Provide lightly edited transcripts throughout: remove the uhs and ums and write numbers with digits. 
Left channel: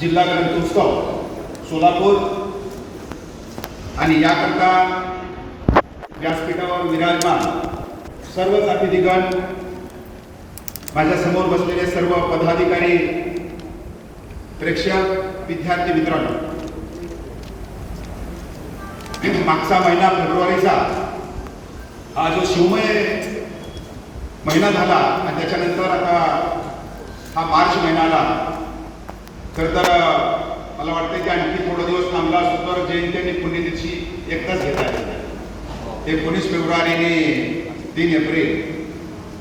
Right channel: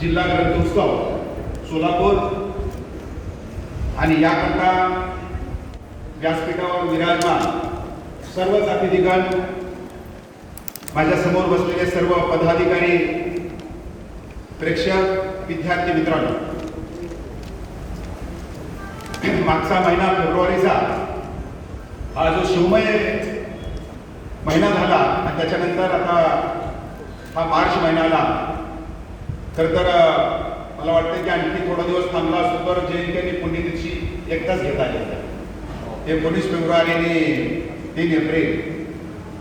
जिल्हा ग्रंथोत्सव सोलापूर आणि याकरता व्यासपीठावर विराजमान सर्व जातीदिगण, माझ्या समोर बसलेले सर्व पदाधिकारी, प्रेक्षक, विद्यार्थी मित्रांनो, मागचा महिना फेब्रुवारीचा हा जो शिवमय महिना झाला आणि त्याच्यानंतर आता हा मार्च महिना आला. खरं तर मला वाटतं की आणखी थोडा दिवस थांबला असतो तर जयंती आणि पुण्यतिथी एकदाच घेता येते, 19 फेब्रुवारी आणि 3 एप्रिल.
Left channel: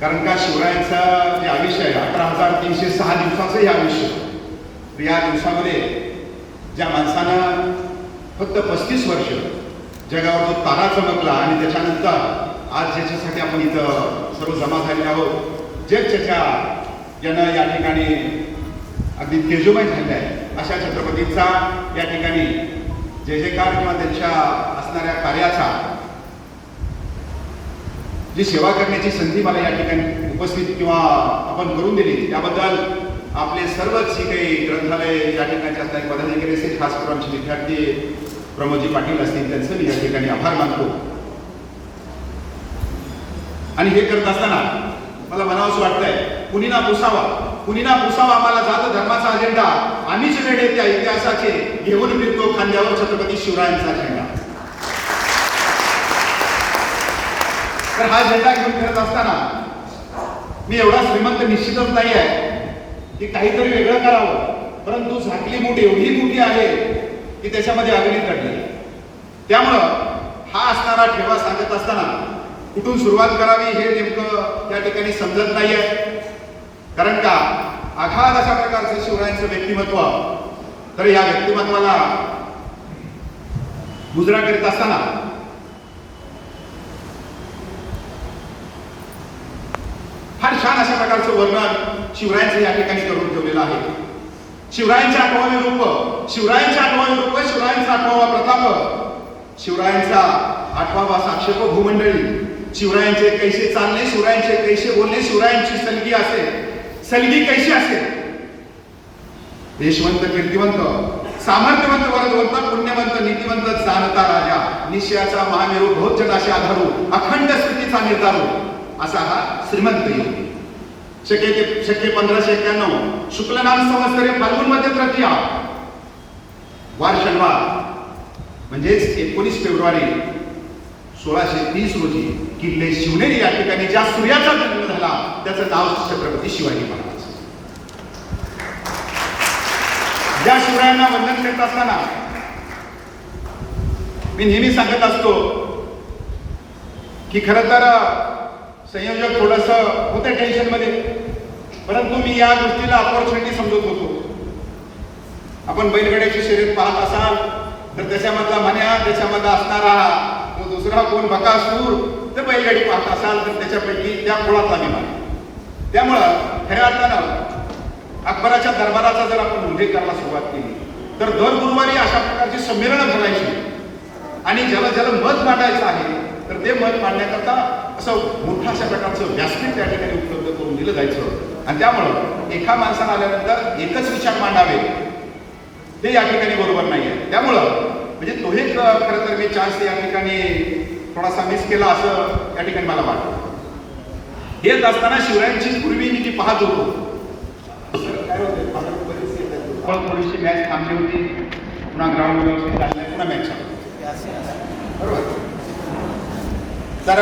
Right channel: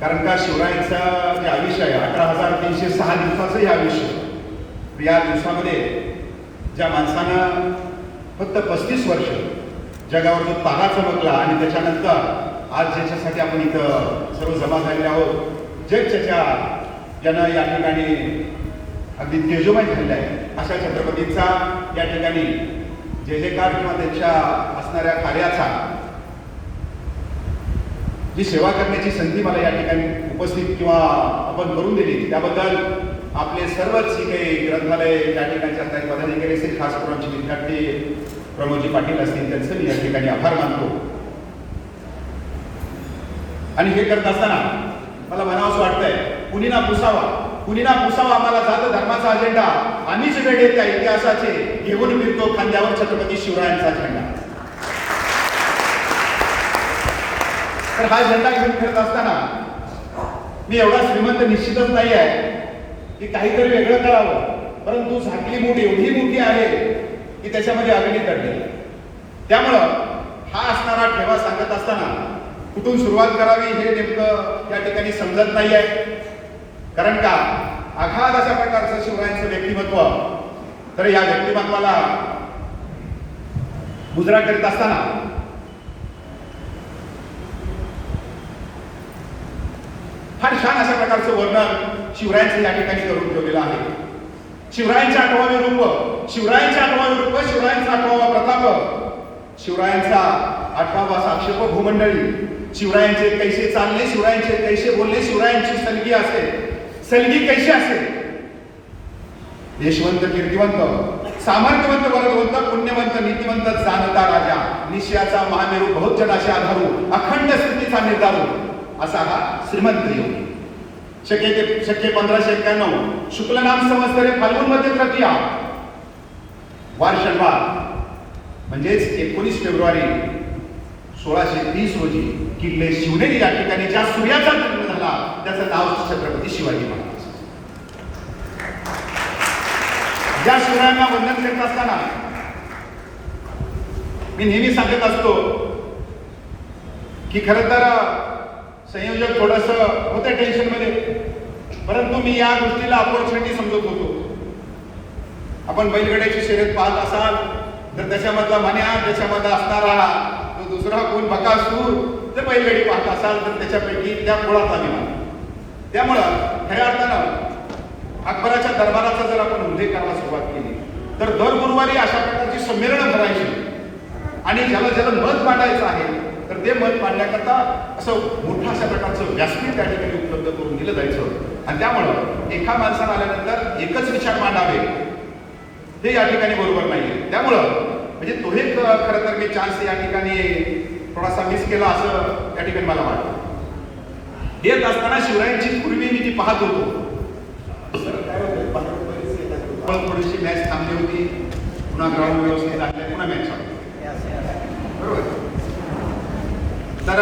कारण का शिवरायांचं जे आयुष्य आहे 18,306 दिवसाचं हे आयुष्य, या दिवसामध्ये ज्या माणसानं फक्त 35 वर्ष जगावर जो तारा चमकला आणि त्याच्यानंतर आज ज्याच्यासाठी आपण इथं सर्व जमा झाले आहोत, जगच्या ज्यानं या ठिकाणी अगदी तेजोमय झालेला आहे अशा छत्रपतींचा या ठिकाणी जय जयकार किंवा त्यांच्या असणाऱ्या कार्याचा जी सेवा करण्याची संधी मला या ठिकाणी उपस्थित किंवा आपण करून दिली त्याबद्दल आपले सर्वच जी काही ग्रंथालय या ठिकाणी असणारे पदाधिकारी असेल, खास करून आमचे विद्यार्थी प्रमोदजी पाटील असतील, त्यांचं मी या ठिकाणी आभार मानतो. आणि हे करत असताना मला म्हणावंसं वाटतंय, कुणी ना पुसावा आम्हाला जात धर्माचा अजेंडा, आम्हीच वेळे त्या इतिहासाचे घेऊन फिरतो खांद्यावर छत्रपती शिवरायांचा झेंडा. तर हा झेंडा घेऊन फिरत असताना मी एवढा श्रीमंत निश्चितच नाही आहे की काहीतरी वेगळं करावं, परंतु झाकली मूठ एवढी मोठी आहे की त्याच्यामध्ये अग्नी काढली. त्यामुळं हा असणारा ठेवा सांगत असताना कुठून सुरुवात करावी हे नेमकं त्या ठिकाणी समजत नाही आहे. कारण का आघात अशा प्रकारचं शिवरायांचं व्यक्तिमत्व, तर या व्यक्तिमत्वाला मुजरा करीत असताना फार छान अशा प्रकारचं वर्णन शिवरायांचं या ठिकाणी करून ठेवलेलं आहे. शिवरायांचे 8वे रूप, शिवरायांचा 8वा प्रताप, शिवरायांचा 8वा साक्षेप भूमंडळी, शिवरायांचे कैसे चालणे, शिवरायांचे कैसे बोलणे, शिवरायांची सलगी कैशी असेल, देशवंत, कीर्तिवंत, सामर्थ्यवंत, वरदवंत, पुण्यवंत, नीतिवंत, जाणता राजा, निश्चयाचा महामेरू, बहुजनाशी आधारू, अखंड स्थितीचा निर्धारू असा हा श्रीमंत योगी. शके 1591 शुक्लनाम संवत्सर फाल्गुन मध्ये तृतीया वार शनिवार म्हणजेच 19 फेब्रुवारी 1630 रोजी किल्ले शिवनेरी या ठिकाणी ज्या सूर्याचा जन्म झाला त्याचं नाव छत्रपती शिवाजी महाराज. ज्या शिवरायांना वंदन करत असताना मी नेहमी सांगत असतो की खरं तर संयोजक थोडस होते टेन्शन मध्ये, परंतु मी या गोष्टीला अपॉर्च्युनिटी समजत होतो. आपण बैलगाड्याची शर्यत पाहत असाल तर त्याच्यामधला मन्या, त्याच्यामध्ये असणारा तो दुसरा कोण बकासूर, तर बैलगाडी पाहत असाल तर त्याच्यापैकी त्या कुळातला विमान. त्यामुळं खऱ्या अर्थानं अकबराच्या दरबाराचा जर आपण उल्लेख करायला सुरुवात केली तर दर गुरुवारी अशा प्रकारची संमेलनं भरायची आणि ज्याला मत मांडायचं आहे तर ते मत मांडण्याकरता असं मोठं अशा प्रकारचं व्यासपीठ त्या ठिकाणी उपलब्ध करून दिलं जायचं. आणि त्यामुळं एका माणसानं आल्यानंतर एकच विचार मांडावे हे या ठिकाणी बरोबर नाहीये. त्यामुळं म्हणजे तो हे खरं तर मी चान्स या ठिकाणी थोडासा मिस केला असं या ठिकाणी मला वाटतं. येत असताना शिवरायांची पूर्वी मी ती पाहत होतो, थोडीशी मॅच थांबली होती, पुन्हा ग्राउंड व्यवस्थित झाले, पुन्हा मॅच बरोबर. तर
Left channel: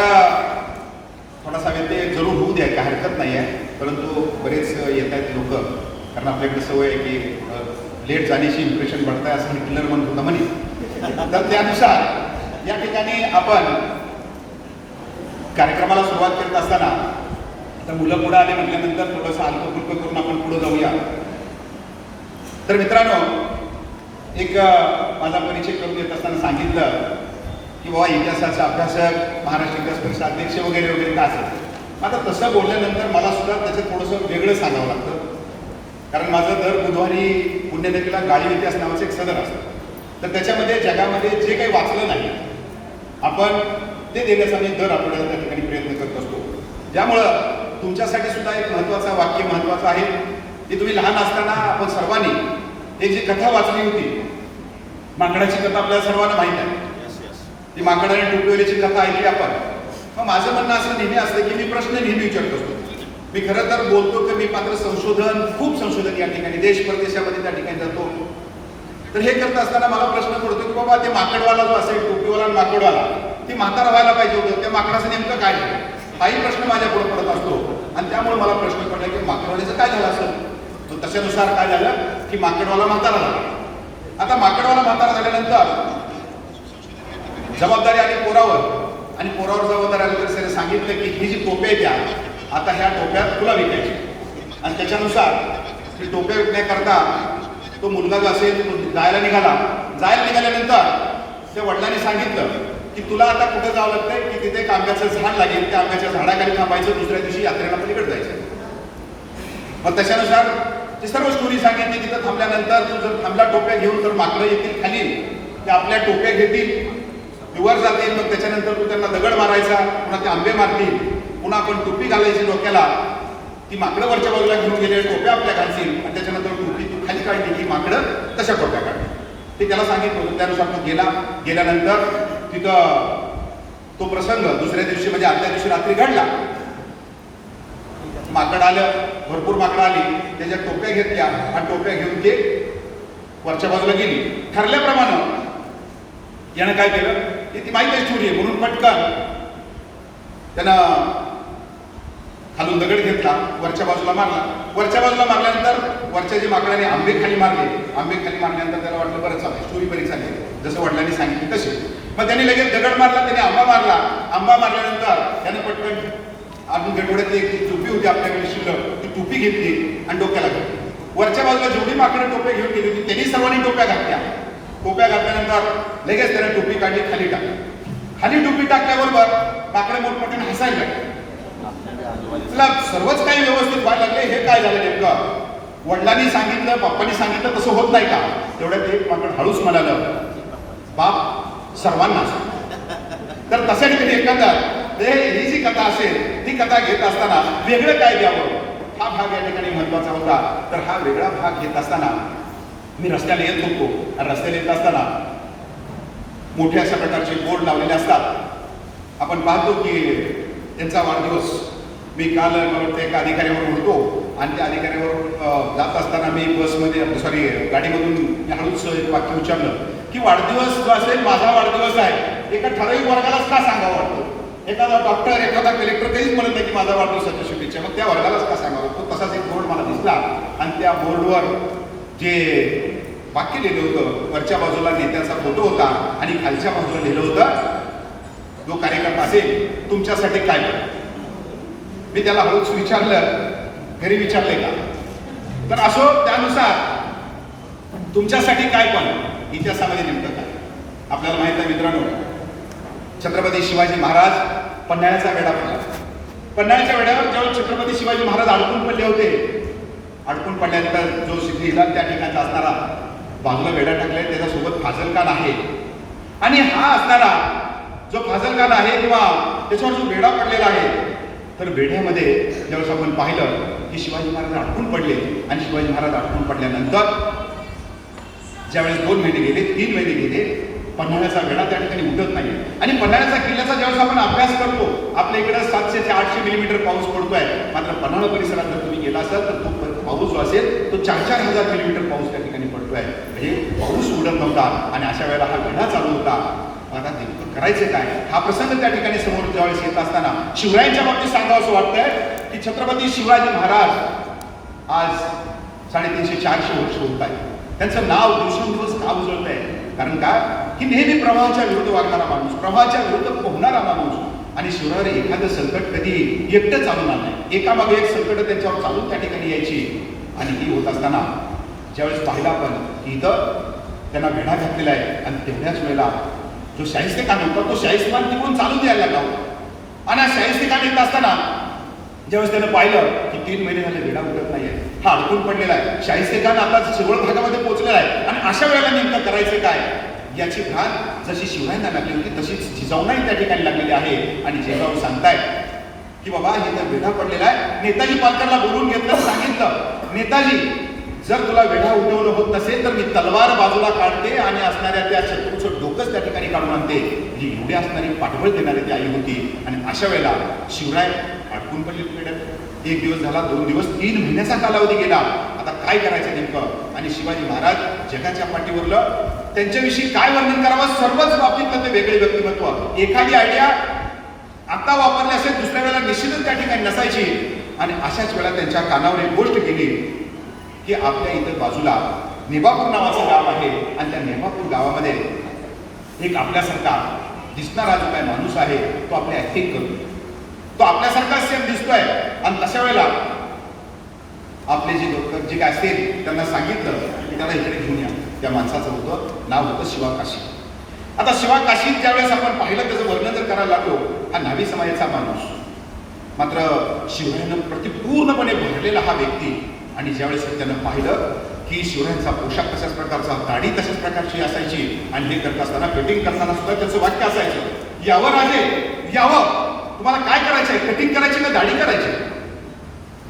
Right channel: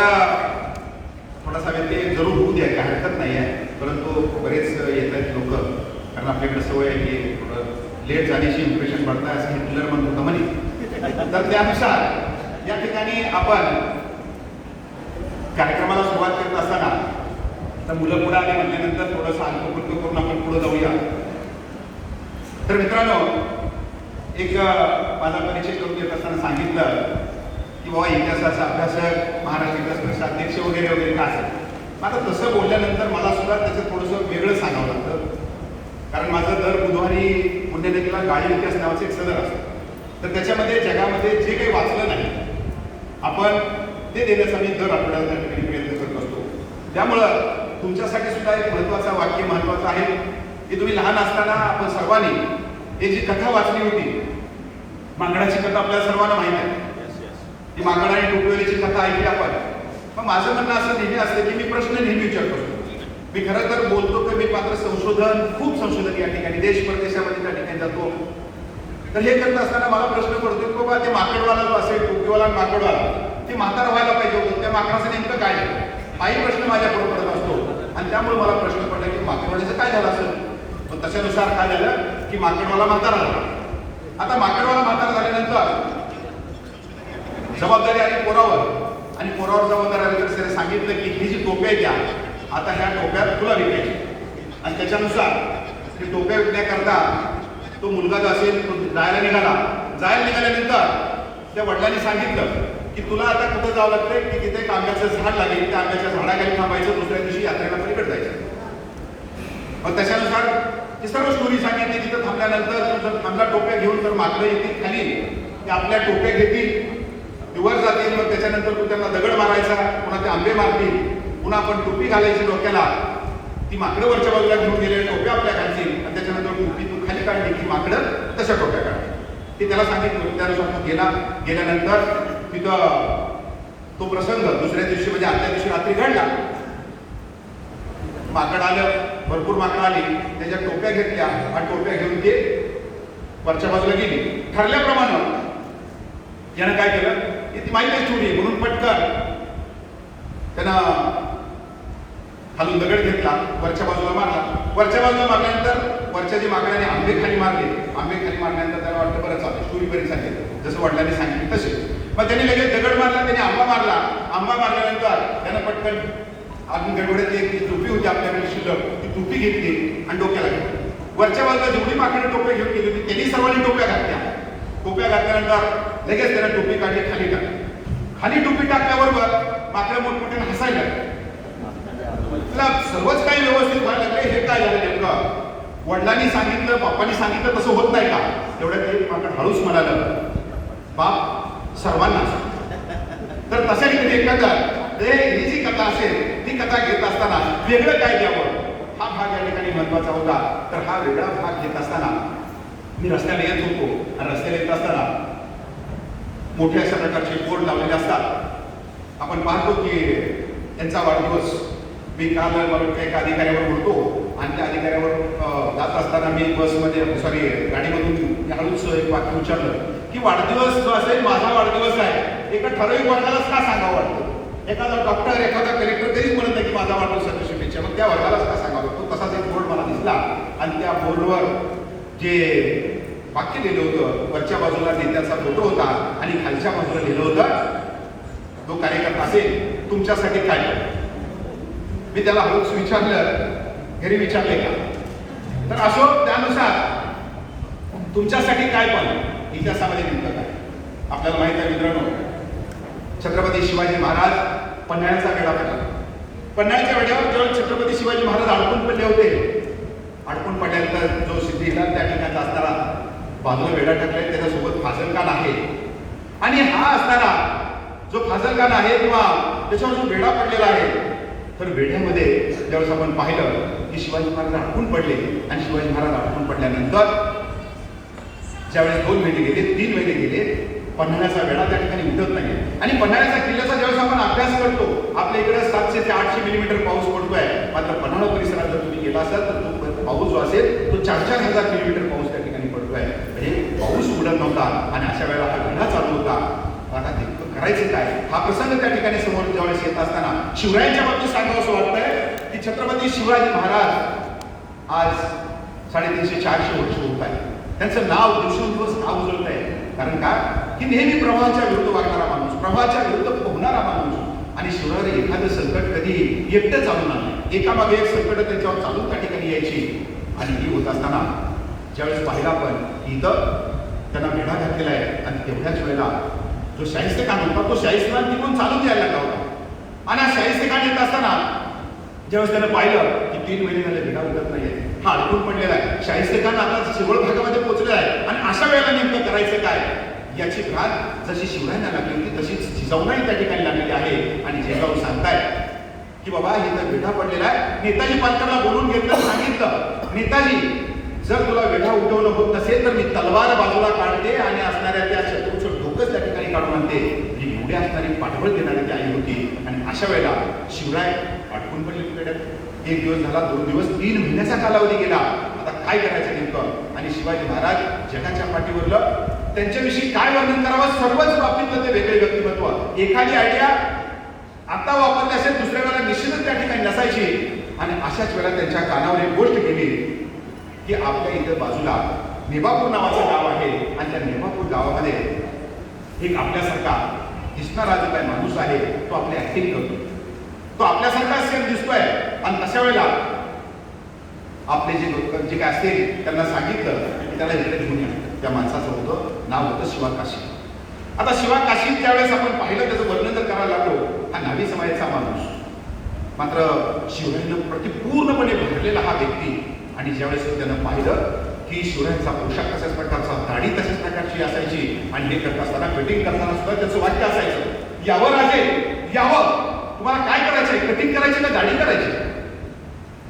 थोडासा व्यत्यय जरूर होऊ द्या, काही हरकत नाही आहे, परंतु बरेच येत आहेत लोक, कारण आपल्याकडे सवय आहे की लेट जाण्याची इम्प्रेशन पडत आहे असं हिटलर म्हणत होता म्हणे. तर त्यानुसार या ठिकाणी आपण कार्यक्रमाला सुरुवात करत असताना तर मुलं पुढे आले म्हटल्यानंतर थोडंसं हलकं करून आपण पुढे जाऊया. तर मित्रांनो, एक माझा परिचय करून देत असताना सांगितलं की बाबा इतिहासाचा अभ्यासक, महाराष्ट्र इतिहास परिषद अध्यक्ष वगैरे वगैरे का असेल. आता तसं बोलल्यानंतर मला सुद्धा त्याचं थोडंसं वेगळं सांगावं लागतं, कारण माझं दर बुधवारी पुण्यनगरीला गाळीव इतिहास नावाचं एक सदर असतं. तर त्याच्यामध्ये जगामध्ये जे काही वाचलं नाही आपण ते देण्याचा मी दर आठवड्याला त्या ठिकाणी प्रयत्न करत असतो. त्यामुळं तुमच्यासाठी सुद्धा एक महत्त्वाचं वाक्य महत्त्वाचं आहे की तुम्ही लहान असताना आपण सर्वांनी एक जी कथा वाचली होती, माकडाची कथा आपल्याला सर्वांना माहिती आहे. ती माकडाने टोपलेलीची कथा ऐकली आपण. मग माझं म्हणणं असं नेहमी असतं की मी प्रश्न नेहमी विचारतो असतो. मी खरं तर बोलतो की मी मात्र खूप संशोधन या ठिकाणी देश परदेशामध्ये त्या ठिकाणी जातो. तर हे करत असताना मला प्रश्न पडतो की बाबा ते माकडवाला जो असेल, टोपीवाला माकडवाला, ते म्हातारा व्हायला पाहिजे होतं, त्या माकडाचं नेमकं काय झालं, हाही प्रश्न माझ्या पुढे पडत असतो. आणि त्यामुळे मला प्रश्न पडला की माकडवाल्याचं काय झालं असेल. तो त्याच्यानुसार काय झालं की माकडवाला म्हातारा झाला. आता माकडवाला म्हातारा झाल्यानंतर जबाबदारी आली पोरावर, आणि पोरावर जबाबदारी आली तर त्याने सांगितलं की ही जी टोपे आहे त्या आता ह्या टोप्यात तुला विकायची. आणि त्याच्यानुसार ती टोप्या विकण्याकरता तो मुलगा जो असेल तो जायला निघाल्यानंतर त्या वडिलांनी सांगितलं की तुला आता कुठे जावं लागतं की तिथे एक आंब्याचं झाड लागेल, त्या आंब्याच्या झाडाखाली थांबायचं, दुसऱ्या दिवशी यात्रेला पलीकडे जायचं. मग त्याच्यानुसार ती सर्व स्टोरी सांगितली. तिथं थांबल्यानंतर तू जर थांबला टोप्या घेऊन तर माकडं येतील खाली, ते आपल्या टोप्या घेतील, ते वर जातील. मग त्याच्यानंतर तू त्यांना दगड मारायचा, पुन्हा ते आंबे मारतील, पुन्हा आपण टोपी घालायची डोक्याला, ती माकडं वरच्या बाजूला घेऊन गेले, टोप्या आपल्या घालतील, आणि त्याच्यानंतर टोपी तू खाली काढली की माकडं तशा टोप्या काढतील. ते त्याला सांगितलं होतं. त्यानुसार तो गेल्यानंतर तिथं तो प्रसंग दुसऱ्या दिवशी म्हणजे आदल्या दिवशी रात्री घडला. माकड आलं, भरपूर माकडं आली, त्याच्या टोप्या घेतल्या आणि टोप्या घेऊन ते वरच्या बाजूला गेली. ठरल्याप्रमाणे यानं काय केलं, ती माहिती स्टोरी आहे म्हणून पटकन त्यानं खालून दगड घेतला, वरच्या बाजूला मारला. वरच्या बाजूला मारल्यानंतर वरच्या जे माकडाने आंबे खाली मारल्यानंतर त्याला वाटलं बरं चालतं, स्टोरी बरी चालली, जसं वडिलांनी सांगितलं तशी. मग त्याने लगेच दगड मारला, त्याने आंबा मारल्यानंतर त्यानं पटकन अजून गडबडत एक टोपी होती आपल्याकडे शिल्लक, ती टोपी घेतली आणि डोक्याला घातली. वरच्या बाजूला जेवढी माकडे टोप्या घेऊन गेली होती त्यांनी सर्वांनी टोप्या घातल्या. टोप्या घातल्यानंतर लगेच त्याने टोपी काढली, खाली टाकली. खाली टोपी टाकल्याबरोबर माकडे मोठमोठ्याने हसायला लागले. तुला सर्वच काही व्यवस्थित व्हायला लागले, हे काय झालं नेमकं. वडिलांनी सांगितलं, बाप्पांनी सांगितलं तसं होत नाही का. तेवढ्यात ते माकड हळूच म्हणाला, बाप सर्वांना सांग. तर तशा ठिकाणी एखादा ही जी कथा असेल ती कथा घेत असताना वेगळं काय द्यावं, हा भाग या ठिकाणी महत्वाचा होता. तर हा वेगळा भाग घेत असताना मी रस्त्याला येत होतो, आणि रस्त्याला येत असताना मोठे अशा प्रकारचे बोर्ड लावलेले असतात. आपण पाहतो की त्यांचा वाढदिवस. मी काल मला एका अधिकाऱ्यावर बोलतो, आणि त्या अधिकाऱ्यावर जात असताना मी बसमध्ये गाडीमधून हळूच एक वाक्य उच्चारलं की वाढदिवस जो असेल माझा वाढदिवस आहे, एका ठराविक वर्गालाच का सांगावं वाटतं. एखादा डॉक्टर, एखादा कलेक्टर कधीच म्हणत नाही की माझा वाढदिवसाच्या शुभेच्छा, मग त्या वर्गालाच का सांगावं. तो तसाच एक बोर्ड मला दिसला, आणि त्या बोर्डवर जे वाक्य लिहिलं होतं, वरच्या बाजूला नेत्याचा फोटो होता आणि खालच्या बाजूला लिहिलं होतं, जो कार्यक्रम असेल तुमच्यासाठी काय करतो. मी त्याला हळूच विचारलं, घरी विचारले का. तर असो, त्यानुसार तुमच्यासाठी काय पण इतिहासामध्ये नेमकं काय. आपल्याला माहित आहे मित्रांनो, छत्रपती शिवाजी महाराज पन्हाळ्याचा वेढा पडला. पन्हाळ्याच्या वेढ्यावर जेव्हा छत्रपती शिवाजी महाराज अडकून पडले होते, अडकून पडल्यानंतर जो सिद्धिला त्या ठिकाणी असणारा बाजूला वेढा टाकलाय त्याच्यासोबत फाजलखान आहे, आणि हा असणारा जो फाजलखान आहे किंवा त्याच्यावर जो वेढा पडलेला आहे, तर वेढ्यामध्ये ज्यावेळेस आपण पाहिलं की शिवाजी महाराज अडकून पडले, आणि शिवाजी महाराज अडकून पडल्यानंतर ज्यावेळेस 2 महिने गेले, 3 महिने गेले, पन्हाळ्याचा वेढा त्या ठिकाणी उठत नाही. आणि पन्हाळ्याचा किल्ल्याचा ज्यावेळेस आपण अभ्यास करतो, आपल्या इकडे 700 ते 800 मिलीमीटर पाऊस पडतोय, मात्र पन्हाळा परिसरात जर तुम्ही गेला असाल तर तो पाऊस जो असेल तो 4,000 किलोमीटर पाऊस त्या ठिकाणी पडतोय. हे पाऊस उडत नव्हता, आणि अशा वेळेला हा वेढा चालू होता. आता नेमकं करायचे काय, हा प्रसंग त्या ठिकाणी समोर ज्यावेळेस येत असताना शिवरायांच्या बाबतीत सांगावं असं वाटतंय की छत्रपती शिवाजी महाराज आज 350-400 वर्ष होत आहेत. त्यांचं नाव दिवसेंदिवस नाव उजळत आहे. कारण काय की नेहमी प्रवाहाच्या विरुद्ध वागणारा माणूस, प्रवाहाच्या विरुद्ध पोहणारा माणूस. आणि शिवरायाने एखादं संकट कधी एकटं चालून आणलं, एकामागे एक संकट त्यांच्यावर चालून त्या ठिकाणी यायची. आणि ही होत असताना ज्यावेळेस पाहिला आपण इथं त्यांना वेढा घातलेला आहे, आणि तेवढ्याच वेळेला जो शाहिस्तेखान होता तो शाहिस्तेखान तिकडून चालून यायला लागला होता. आणि हा शाहिस्तेखान येत असताना ज्यावेळेस त्यानं पाहिलं की 3 महिने झाले वेढा उडत नाहीये, हा अडकून पडलेला आहे, शाहिस्तेखान आता सगळ भागामध्ये पोहोचलेला आहे, आणि अशा वेळेला नेमकं करायचं काय याची भाग जशी शिवरायांना लागली होती तशीच जिजाऊंनाही त्या ठिकाणी लागलेली आहे. आणि जिजाऊ सांगतायत की बाबा इथं वेढा पडलेला आहे. नेताजी पालकरला बोलून घेतलं, सांगितलं नेताजी जर तुला वेढा उठवणं होत नसेल तर अशा वेळेला शिवराय अडकून पडले तिकड्यात. 1 दिवस झाला, 2 दिवस, 3 महिन्याचा कालावधी गेला. आता काय करायचं नेमकं? आणि शिवाजी महाराज जगाच्या पाठीवरलं त्यांच्याविषयी काय वर्णन करावं, सर्वच बाबतीतलं ते वेगळे व्यक्तिमत्व. एखादी आयडिया आता वापरली असेल, दुसऱ्या वेळेला निश्चितच त्या ठिकाणी नसायची. आणि अशाच वेळेला त्यांच्या कानावर एक गोष्ट गेली की आपल्या इथं बाजूला नेबापूर नावाचं गाव आहे आणि त्या नेबापूर गावामध्ये एक आपल्यासारखा दिसणारा जो काय माणूस आहे तो आपली ऍक्टिंग करतो, तो आपल्यासारखा सेम दिसतोय. आणि तशा वेळेला आपले जे डॉक्टर जे काय असतील त्यांना सांगितलं की त्याला इकडे घेऊन या. त्या माणसाचं होतं नाव होतं शिवा काशी. आता शिवा काशी ज्यावेळेस आपण पाहिलं त्याचं वर्णन जर करायला लागलो, हा न्हावी समाजाचा माणूस, मात्र शिवरायांना प्रतिपूर्णपणे भरलेला हा व्यक्ती. आणि ज्यावेळेस त्यानं पाहिलं की शिवरायांचा पोशाख तशाच प्रकारचा, दाढी तशाच प्रकारची असायची आणि हे करत असताना कटिंग करताना सुद्धा त्याचं वाक्य असायचं, यावं राजे यावं, तुम्हाला काय करायचंय, कटिंग करायची का दाढी करायची.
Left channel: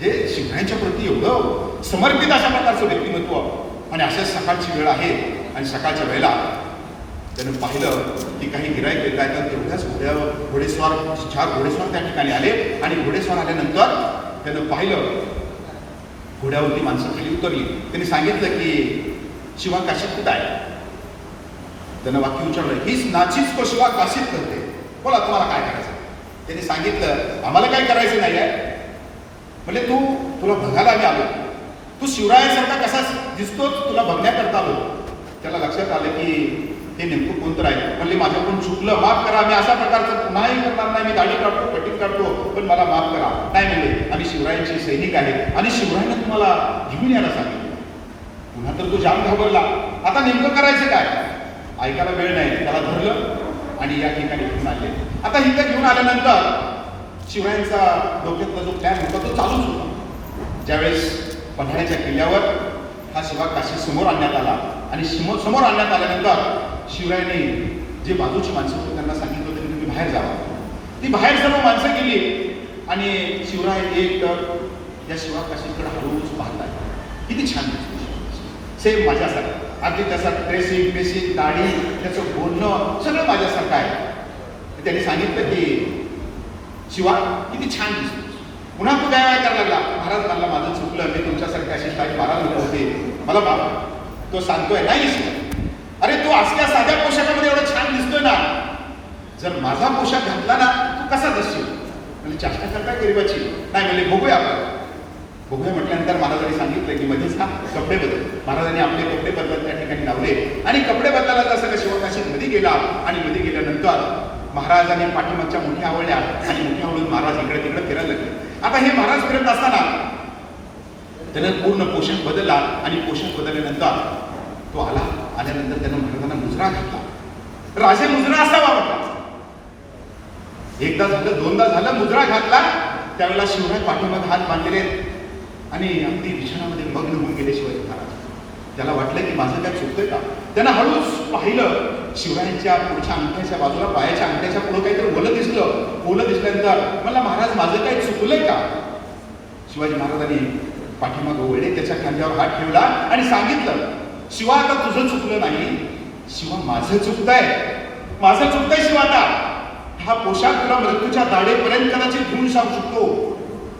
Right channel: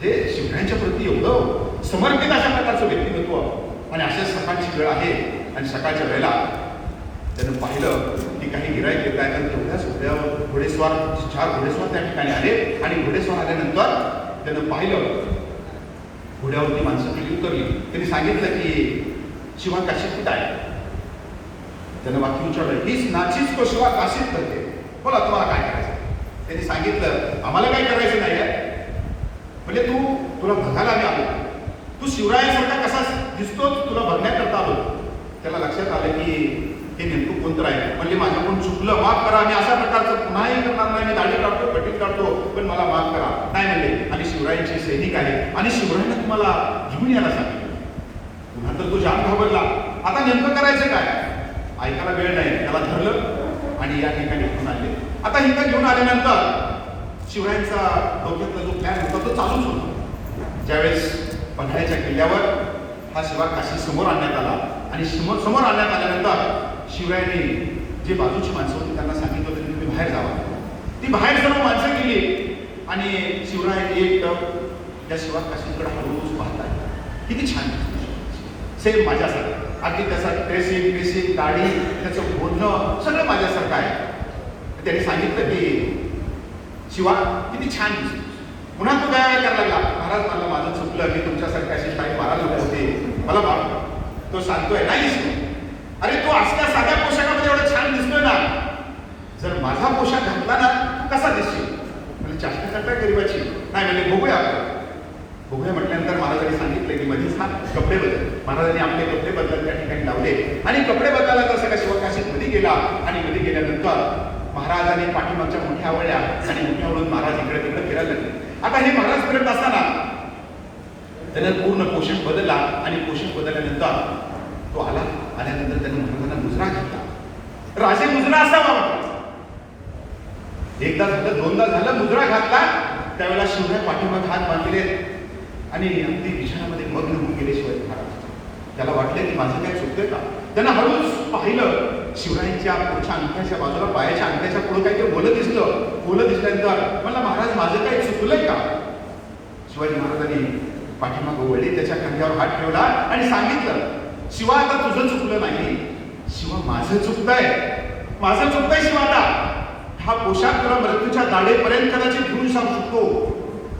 जे शिवरायांच्या प्रती एवढं समर्पित अशा प्रकारचं व्यक्तिमत्व. आणि अशाच सकाळची वेळ आहे आणि सकाळच्या वेळेला त्यानं पाहिलं की काही गिराईक येत आहेत आणि तेवढ्याच घोडेस्वार 4 घोडेस्वार त्या ठिकाणी आले. आणि घोडेस्वार आल्यानंतर त्यानं पाहिलं घोड्यावरती माणसं खाली उतरली. त्यांनी सांगितलं की शिवा काशीत कुठं आहे. त्यानं वाक्य विचारलं, हीच नाचीच तो शिवा काशीत करते, बोला तुम्हाला काय करायचं. त्यांनी सांगितलं आम्हाला काही करायचं नाही आहे. म्हणजे तुला बघायला आम्ही आलो, तू शिवरायांसारखा कसा दिसतोच तुला बघण्याकरता आलो. त्याला लक्षात आलं की हे नेमकं कोणतं आहे. म्हणजे माझ्याकडून चुकलं, माफ करा, मी अशा प्रकारचं पुन्हाही करणार नाही, मी दाढी काढतो, कटिंग काढतो, पण मला माफ करा. नाही म्हणले आणि शिवरायांचे सैनिक आहेत आणि शिवरायांना तुम्हाला घेऊन यायला सांगितलं. पुन्हा तर तो जाम घाबरला. आता नेमकं करायचं काय, ऐकायला वेळ नाही. त्याला धरलं आणि या ठिकाणी घेऊन आले. आता इथं घेऊन आल्यानंतर शिवरायांचा डोक्यातला जो प्लॅन होता तो चालूच होता. ज्यावेळेस पन्हाळ्याच्या किल्ल्यावर हा शिवा काशी समोर आणण्यात आला आणि समोर आणण्यात आल्यानंतर शिवरायांनी जे बाजूची माणसं होती त्यांना सांगितलं होतं की तुम्ही बाहेर जावा. ती बाहेर सर्व माणसं गेली आणि शिवराय एक या शिवा काशीकडे हळूच पाहतात. किती छान दिसतो, सेम माझ्यासारखं, अगदी त्याचा ड्रेसिंग दाढी, त्याचं बोलणं सगळं माझ्यासारखं आहे. त्यांनी सांगितलं की शिवा किती छान दिसतो. पुन्हा तो काय करायला लागला, महाराज मला माझं चुकलं, मी तुमच्यासारखी अशी स्टाईल मारायला नको होते, मला माफ. तो सांगतोय नाही दिसतो, अरे तू असल्या साध्या पोशाखामध्ये एवढं छान दिसतोय ना, जर माझा पोशाख घातला ना तू कसा दिसशील. म्हणजे चाष्टा करता गरीबाची. नाही म्हणजे बघूया आपण. बघूया म्हटल्यानंतर महाराजांनी सांगितलं की मध्येच हा कपडे बदल. महाराजांनी आपले कपडे बदलत त्या ठिकाणी लावले आणि कपडे बदलायला तसं का शिवकाशीत मध्ये गेला. आणि मध्ये गेल्यानंतर महाराजांनी पाठीमागच्या मोठ्या आवळ्या आणि मोठ्या आवळून महाराज इकडे तिकडे फिरायला लागले. आता हे महाराज फिरत असताना त्याने पूर्ण पोशाख बदलला आणि पोशाख बदलल्यानंतर तो आल्यानंतर त्यानं महाराजांना मुजरा घातला. राजे मुजरा असावा वाटला. एकदा झालं, दोनदा झालं, मुजरा घातला. त्यावेळेला शिवराय पाठीमागे हात बांधलेले आणि अगदी विचारामध्ये मग्न होऊन गेले शिवाजी महाराज. त्याला वाटलं की माझं काय चुकतंय का. त्यानं हळूच पाहिलं शिवरायांच्या पुढच्या अंगठ्याच्या बाजूला, पायाच्या अंगठ्याच्या पुढे काहीतरी बोलत दिसल्यानंतर मला महाराज माझं काही चुकलंय का. शिवाजी महाराजांनी पाठीमागे वळले, त्याच्या खांद्यावर हात ठेवला आणि सांगितलं शिवा आता तुझं चुकलं नाही, शिवा माझं चुकतंय, माझं चुकतंय शिवा. आता हा पोशाख तुला मृत्यूच्या दाढेपर्यंत कदाचित घेऊन जाऊ शकतो,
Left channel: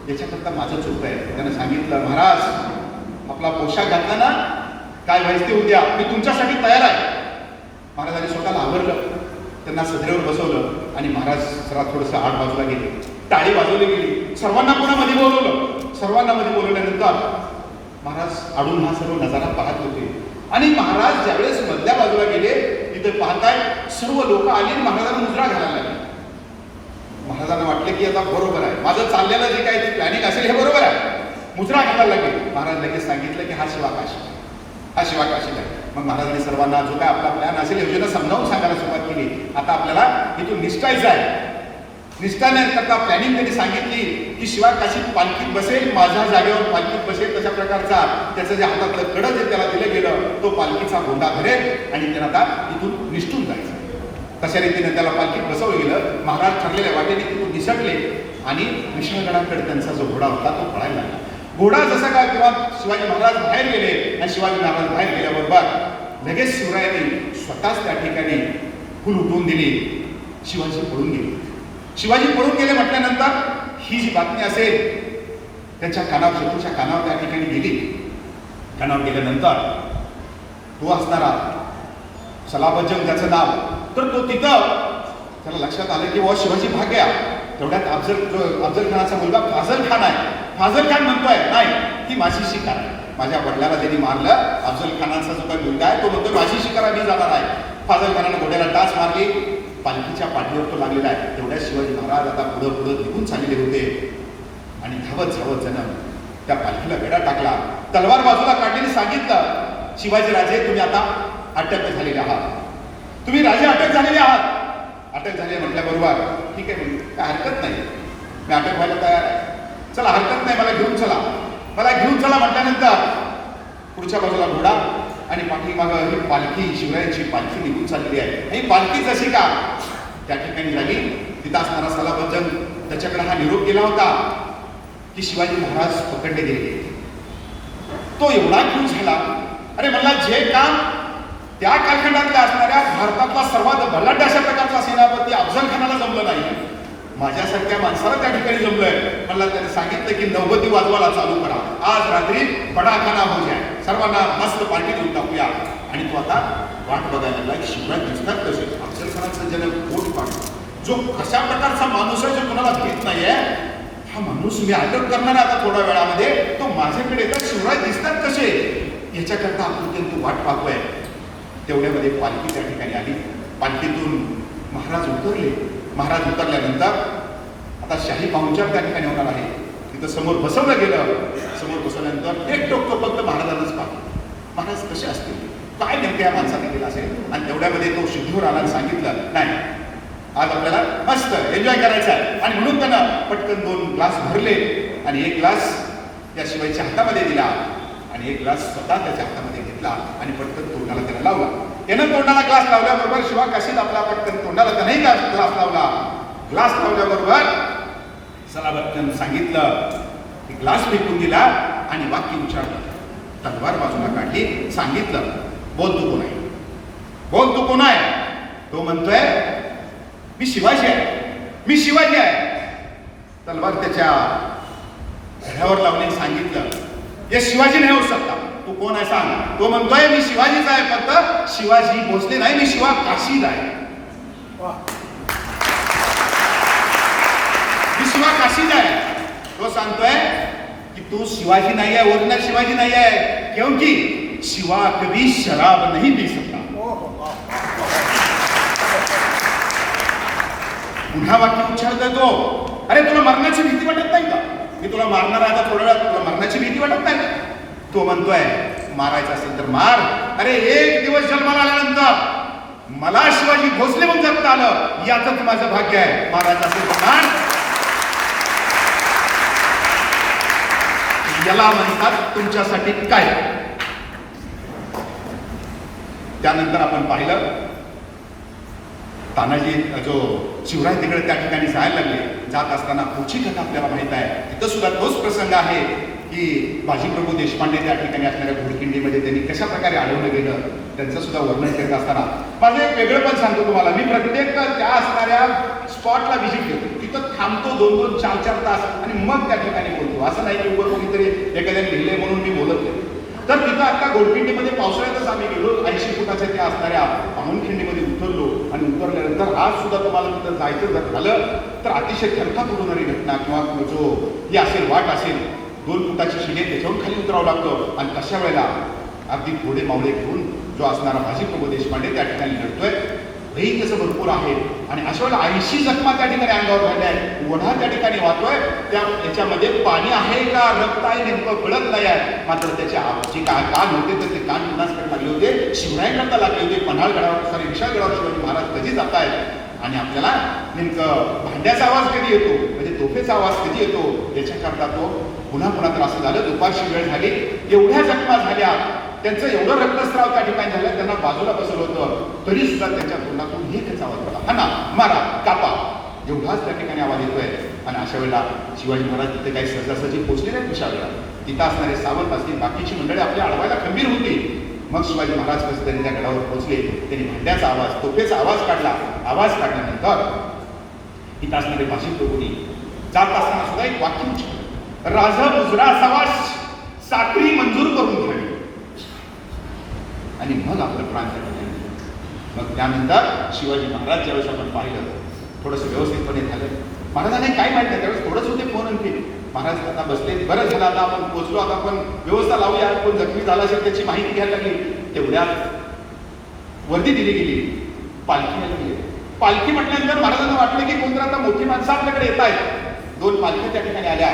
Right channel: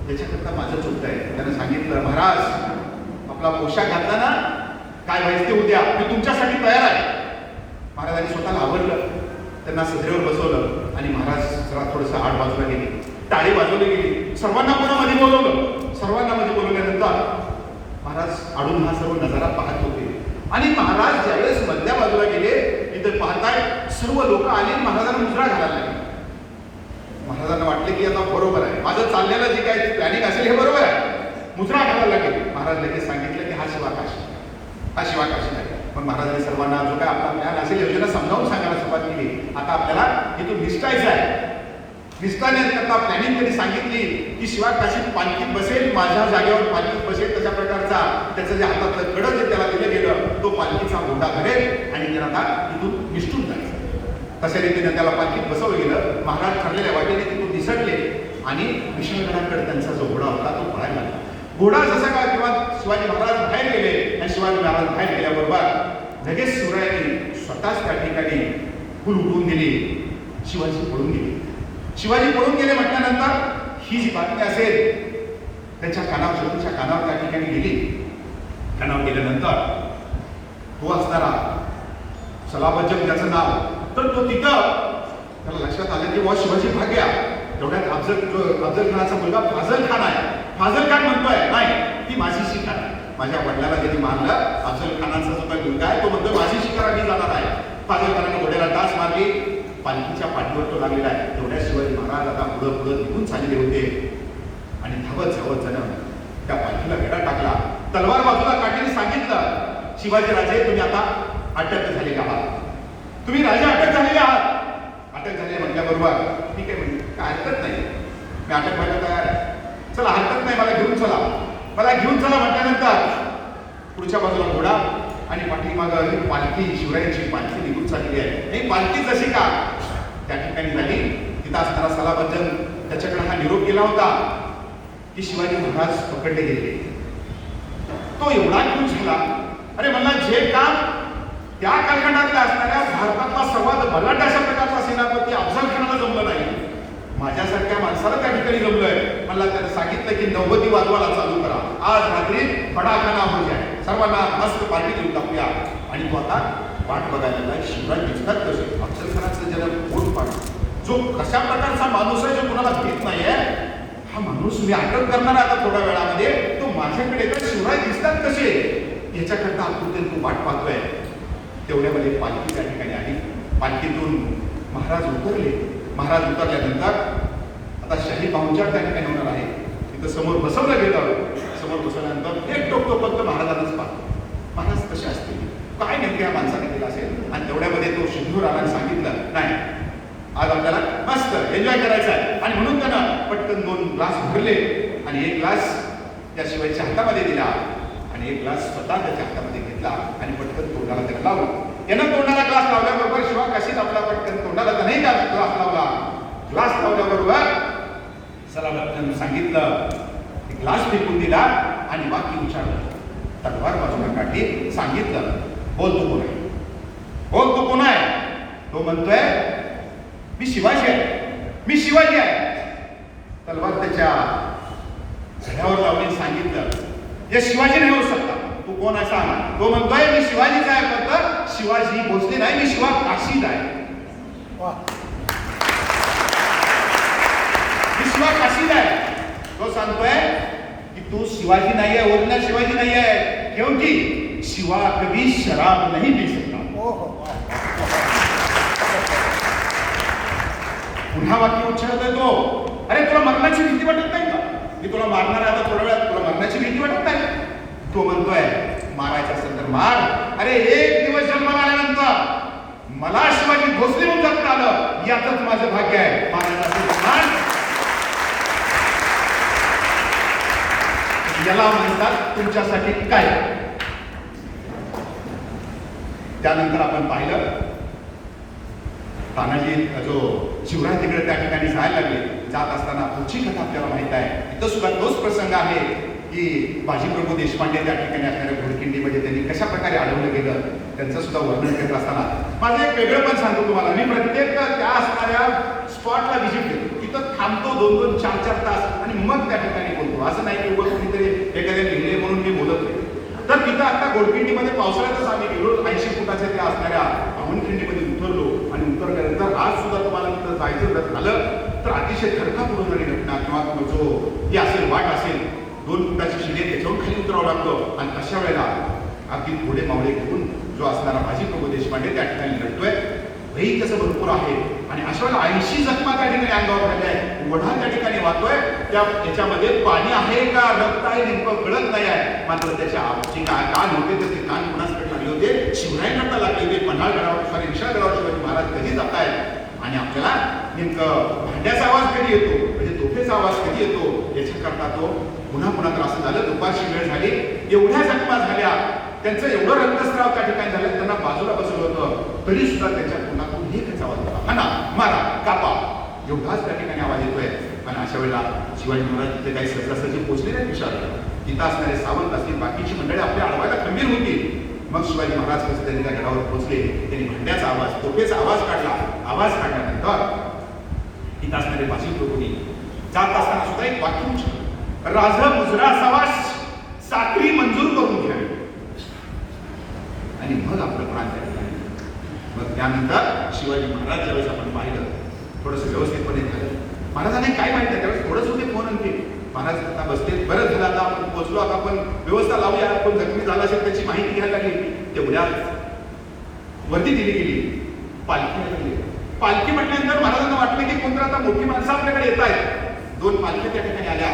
याच्याकरता माझं चुकतंय. त्याने सांगितलं महाराज आपला पोशाख घातला ना, काय व्हायचं ते उद्या, मी तुमच्यासाठी तयार आहे. महाराजांनी स्वतःला आवरलं, त्यांना सदरेवर बसवलं आणि महाराज जरा थोडंसं आड बाजूला गेले, टाळी वाजवली गेली, सर्वांना पुन्हा मध्ये बोलवलं. सर्वांना मध्ये बोलवल्यानंतर महाराज आडून हा सर्व नजारा पाहत होते. आणि महाराज ज्यावेळेस मधल्या बाजूला गेले, इथं पाहताय सर्व लोक आली आणि महाराजांना मुजरा घालायला लागली. महाराजांना वाटलं की आता बरोबर आहे, माझं चाललेलं जे काही प्लॅनिंग असेल हे बरोबर आहे. मुजरा घालायला लागले. महाराज लगेच सांगितलं की हा शिवा काशी, हा शिवा काशी आहे. मग महाराजांनी सर्वांना जो काय आपला प्लॅन असेल योजना समजावून सांगायला सुरुवात केली. आता आपल्याला इथून निष्ठायचं आहे. निष्ठाने करता प्लॅनिंग त्यांनी सांगितली की शिवा काशीत पालखीत बसेल, माझ्या जागेवर पालखीत बसेल, तशा प्रकारचा त्याचं जे हातातलं कडं जे त्याला दिलं गेलं तो पालखीचा गोंडा धरेल आणि त्याला आता तिथून निष्ठून जायचं. तशा रीतीने त्याला पालखीत बसवलं गेलं. महाराज ठरलेल्या वाटेने तिथून निसटले आणि विष्णुगणाकडे त्यांचा जो घोडा होता तो पळायला लागला. घोडा जसा का किंवा शिवाजी महाराज बाहेर गेले आणि शिवाजी महाराज बाहेर गेल्याबरोबर लगेच शिवरायांनी स्वतःच त्या ठिकाणी फुल उठवून दिली. शिवाजी पळून गेले. शिवाजी पळून गेले म्हटल्यानंतर ही जी बातमी असेल त्यांच्या कानावर, शत्रूच्या कानावर त्या ठिकाणी गेली. कानावर गेल्यानंतर तो असणारा सलाबजंग त्याचं नाव, तर तो तिथं त्याला लक्षात आलं की वा शिवाजी भाग्या. तेवढ्यात अफजल खानाचा मुलगा फाजल खान आहे. फाजल खान म्हणतोय नाही, ती माझी शिकार आहे. माझ्या वडिलाला त्यांनी मारलं. अफजल खानाचा जो काही मुलगा आहे तो म्हणतोय माझी शिकार आम्ही जाणार आहे. फाजल खानानं घोड्याला टाच मारली. पालखीच्या पाठीवर तो लागलेला आहे. तेवढ्या शिवाजी महाराज आता पुढं पुढं निघून चाललेले होते आणि धावत धावत जण त्या पालखीला वेढा टाकला. तलवार बाजूला काढल्याने सांगितलं, शिवाजी राजे तुम्ही आता अटक झालेले आहात. तुम्ही राजे अटक झालेले आहात. अटक झाले म्हटल्याबरोबर ठीक आहे म्हणजे काय हरकत नाही, मी अटक व्हायला तयार आहे. चला हरकत नाही, मला घेऊन चला, मला घेऊन चला म्हटल्यानंतर पुढच्या बाजूला घोडा आणि पाठीमागं ही पालखी, शिवरायांची पालखी निघून चालली आहे. ही पालखी जशी का त्या ठिकाणी झाली, तिथं असणारा सलाबजंग त्याच्याकडे हा निरोप गेला होता की शिवाजी महाराज पकडले गेले. तो एवढा खुश झाला, अरे मला जे काम त्या कालखंडातल्या असणाऱ्या भारतातला सर्वात भलाट अशा प्रकारचा सेनापती अफजल खानाला जमलं नाही, माझ्यासारख्या माणसाला त्या ठिकाणी जमलंय. मला त्याने सांगितलं की नौबती वाजवायला चालू करा, आज रात्री बडाखाना हो जाय, सर्वांना मस्त पार्टी देऊन टाकूया. आणि तो आता वाट बघायला लागला. शिवराज दिसतात कसे, अफजल खानाचा जन्म पोट पाठ, जो कशा प्रकारचा माणूस आहे जो कोणाला भेट नाहीये, हा माणूस मी अटक करणार आता थोड्या वेळामध्ये, तो माझ्याकडे येतात, शिवराज दिसतात कसे, याच्याकरता आपण तो वाट पाहतोय. तेवढ्यामध्ये पालखी त्या ठिकाणी आली. पालखीतून महाराज उतरले. महाराज उतरल्यानंतर आता शाही पाहुणचार त्या ठिकाणी होणार आहे. तिथं समोर बसवलं गेलं. समोर बसवल्यानंतर एक टोक फक्त महाराजांनाच पाहतो. महाराज कसे असतील, काय नेमक्या माणसाने केलं असेल. आणि तेवढ्यामध्ये तो सिद्धूर आला आणि सांगितलं नाही, आज आपल्याला मस्त एन्जॉय करायचं आहे. आणि म्हणून त्यांना पटकन 2 ग्लास भरले आणि 1 ग्लास त्या शिवायच्या हातामध्ये दिला आणि 1 ग्लास स्वतः त्याच्या हातामध्ये घेतला आणि पटकन तोंडाला त्याला लावला. त्यानं तोंडाला ग्लास लावल्याबरोबर शिवा काशीत आपला पटकन तोंडाला त्याने ग्लास लावला. ग्लास लावल्याबरोबर सलाबतनं सांगितलं, ग्लास फेकून दिला आणि वाक्य उच्चारलं, तलवार बाजूला काढली, सांगितलं, बोल तू कोण आहे, बोल तू कोण आहे. तो म्हणतोय मी शिवाजी आहे, मी शिवाजी आहे. तलवार त्याच्या घड्यावर लावली, सांगितलं हे शिवाजी नाही होऊ शकता, तू कोण आहे सांग. तो म्हणतोय मी शिवाजीच आहे, फक्त शिवाजी भोसले नाही, मी शिवा काशीद आहे. मी शिवा काशीद आहे. तो सांगतोय की तू शिवाजी नाही आहे, ओरिजिनल शिवाजी नाही आहे, क्योंकि शिवा कभी शराब नहीं पी सकता. पुन्हा वाक्य उच्चारतोय तो, अरे तुला मरण्याची भीती वाटत नाही का, मी तुला मारणार आहे आता थोड्या वेळात, तुला मरण्याची भीती वाटत नाही का. तो म्हणतोय मारायचं असेल तर मार. अरे 1 दिवस जन्माला आल्यानंतर मला शिवाजी भोसले म्हणून जगता आलं, यातच माझं भाग्य आहे. मारायचं असेल तर मार. याला म्हणतात तुमच्यासाठी काय. त्यानंतर आपण पाहिलं तानाजी जो शिवराय तिकडे त्या ठिकाणी जायला लागले. जात असताना पुढची कथा आपल्याला माहित आहे. तिथं सुद्धा तोच प्रसंग आहे की बाजीप्रभू देशपांडे त्या ठिकाणी असणाऱ्या घोडखिंडीमध्ये त्यांनी कशा प्रकारे अडवलं गेलं त्यांचं सुद्धा वर्णन करत असताना माझं एक वेगळं पण सांगतो तुम्हाला. मी प्रत्येक त्या असणाऱ्या स्पॉटला व्हिजिट घेतो, तिथं थांबतो 2-2, 4-4 तास आणि मग त्या ठिकाणी बोलतो. असं नाही की उभं कोणीतरी एखाद्याने लिहिले म्हणून मी बोलत नाही. तर तिथं आता घोडखिंडीमध्ये पावसाळ्यातच आम्ही गेलो. 80 फुटाच्या त्या असणाऱ्या पाहुणखिंडीमध्ये उतरलो आणि उतरल्यानंतर आज सुद्धा तुम्हाला तिथं जायचं जर झालं तर अतिशय थरकाप होणारी घटना किंवा जो ही असेल वाट असेल 2 फुटाची शिडी त्याच्यावरून खाली उतरावं लागतं. आणि तशा वेळेला अगदी घोडे मावळे घेऊन जो असणारा बाजीप्रभू देशपांडे त्या ठिकाणी लढतोय. रही कसं भरपूर आहे आणि अशा वेळेला 80 जखमा त्या ठिकाणी अंगावर झाल्या आहेत. ओढा त्या ठिकाणी वाहतोय. त्या याच्यामध्ये पाणी आहे का रक्त आहे नेमकं कळत नाही आहे. मात्र त्याच्या जे कान होते तर ते कान कुणाकडे लागले होते, शिवरायांकडे लागले होते. पन्हाळ गडावर सॉरी विशाळ गडावर शिवाजी महाराज कधी जात आहेत आणि आपल्याला नेमकं भांड्याचा आवाज कधी येतो म्हणजे तोफेचा आवाज कधी येतो याच्याकरता तो पुन्हा तर असं झालं. दुपारची वेळ झाली, एवढ्या जखमा झाल्या, त्यांचं एवढं रक्तस्राव त्या ठिकाणी झालं, त्यांना बाजूला बसवलं होतं तरी सुद्धा त्यांच्या तोंडातून एकच आवाज होता, हा ना मारा कापा, एवढाच त्या ठिकाणी आवाज येतोय. आणि अशा वेळेला शिवाजी महाराज तिथे काही सहजासहजी पोहोचले नाही विशाळला. तिथं असणारे सावंत असतील बाकीची मंडळी आपल्या अडवायला खंबीर होती. मग शिवाजी महाराज कसे त्यांनी त्या गडावर पोहोचले, त्यांनी भांड्याचा आवाज तोफेचा आवाज काढला. आवाज काढल्यानंतर इथं असणारे भाषिक प्रभूंनी जात असताना सुद्धा एक वाक्य उच्चारलं, राज मुजरा असावा साखळी मंजूर करून घ्यावी आणि मग आपलं प्राण त्याला. मग त्यानंतर शिवाजी महाराज ज्यावेळेस आपण पाहिलं थोडंसं व्यवस्थितपणे झालं. महाराजांनी काय माहिती त्यावेळेस थोडंसं होते फोन आणखी महाराज आता बसले, बरं झालं आता आपण पोहोचलो, आता आपण व्यवस्था लावूया, कोण जखमी झाला असेल त्याची माहिती घ्यायला लागली. तेवढ्या वर्दी दिली गेली, पालखीला गेली. पालखी म्हटल्यानंतर महाराजांना वाटलं की कोणतं आता मोठी माणसं आपल्याकडे येत आहेत. 2 पालखी त्या ठिकाणी आल्या.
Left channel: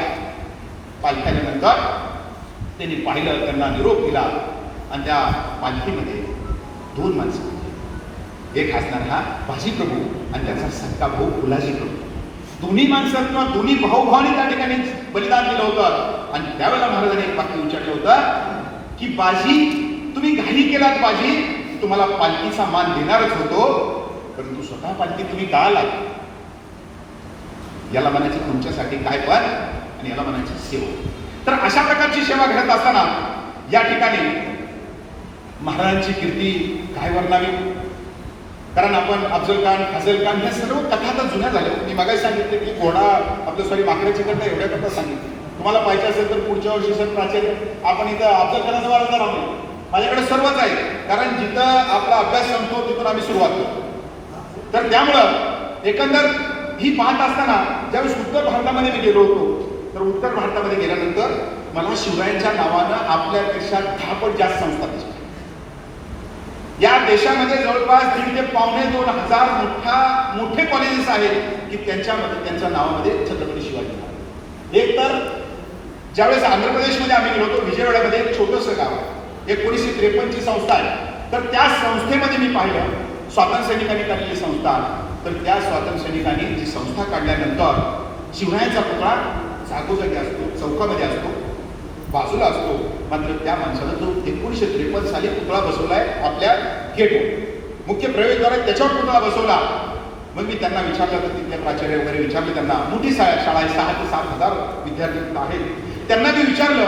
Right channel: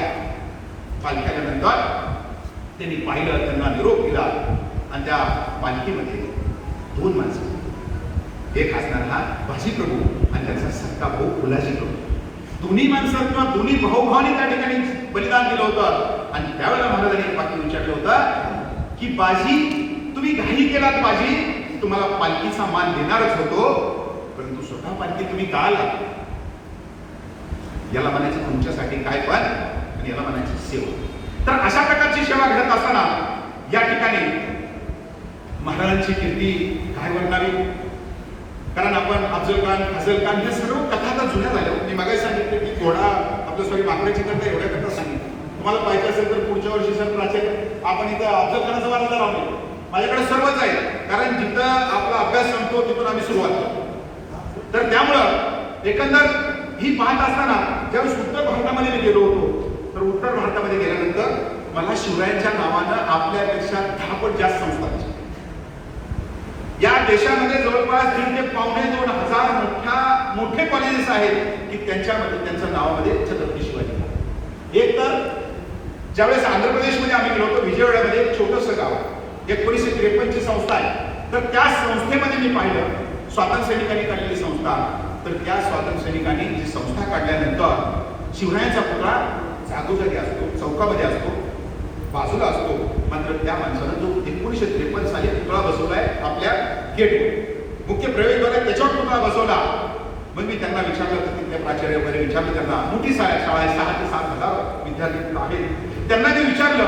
पालखी आल्यानंतर त्यांनी पाहिलं, त्यांना निरोप दिला आणि त्या पालखीमध्ये 2 माणसं, एक असणारा भाजी प्रभू आणि त्याचा सक्का भाऊ फुलाजी प्रभू. दोन्ही माणसं किंवा दोन्ही भाऊभावांनी त्या ठिकाणी बलिदान दिलं होतं. आणि त्यावेळेला महाराजांनी एक वाक्य उच्चारलं होतं की बाजी तुम्ही घाई केलात, बाजी तुम्हाला पालखीचा मान देणारच होतो, परंतु स्वतः पालखी तुम्ही का आलात? याला म्हणायची तुमच्यासाठी काय पण आणि याला म्हणायची सेवा. तर अशा प्रकारची सेवा घडत असताना या ठिकाणी महाराजांची कीर्ती काय वर्णावी. कारण आपण अफजल खान, फजल खान या सर्व कथा आता जुन्या झाल्या. मी मगाही सांगितले की घोडा आपलं सॉरी माकडाची करता एवढ्या करता सांगितलं. तुम्हाला पाहिजे असेल तर पुढच्या वर्षी सर प्राचार्य आपण इथं अफजल खानाचा वारसा राहतो. माझ्याकडे सर्वच आहे, कारण जिथं आपला अभ्यास संपतो तिथून आम्ही सुरुवात करतो. तर त्यामुळं एकंदर ही पाहत असताना ज्यावेळेस उत्तर भारतामध्ये मी गेलो होतो, तर उत्तर भारतामध्ये गेल्यानंतर मला शिवरायांच्या नावानं आपल्यापेक्षा 10 पट जास्त संस्था दिसल्या. या देशामध्ये जवळपास 1.5 ते 2,500 मोठे कॉलेजेस आहेत की त्यांच्यामध्ये त्यांच्या नावामध्ये छत्रपती शिवाजी महाराज. एक तर ज्यावेळेस आंध्र प्रदेशमध्ये आम्ही गेलो होतो, विजयवाड्यामध्ये एक छोटंसं गाव आहे, 1953 ची संस्था आहे. तर त्या संस्थेमध्ये मी पाहिलं स्वातंत्र्य सैनिकांनी काढलेली संस्था. तर त्या स्वातंत्र्य सैनिकांनी जी संस्था काढल्यानंतर शिवरायांचा पुतळा जागोजागी असतो, चौकामध्ये असतो, बाजूला असतो. मात्र त्या माणसानं जो 1953 साली पुतळा बसवलाय आपल्या गेटवर, मुख्य प्रवेशद्वारात त्याच्यावर पुतळा बसवला. मग मी त्यांना विचारलं की तिथले प्राचार्य वगैरे विचारले, त्यांना मोठी शाळा आहे, 6 ते 7 हजार विद्यार्थी आहेत. त्यांना मी विचारलं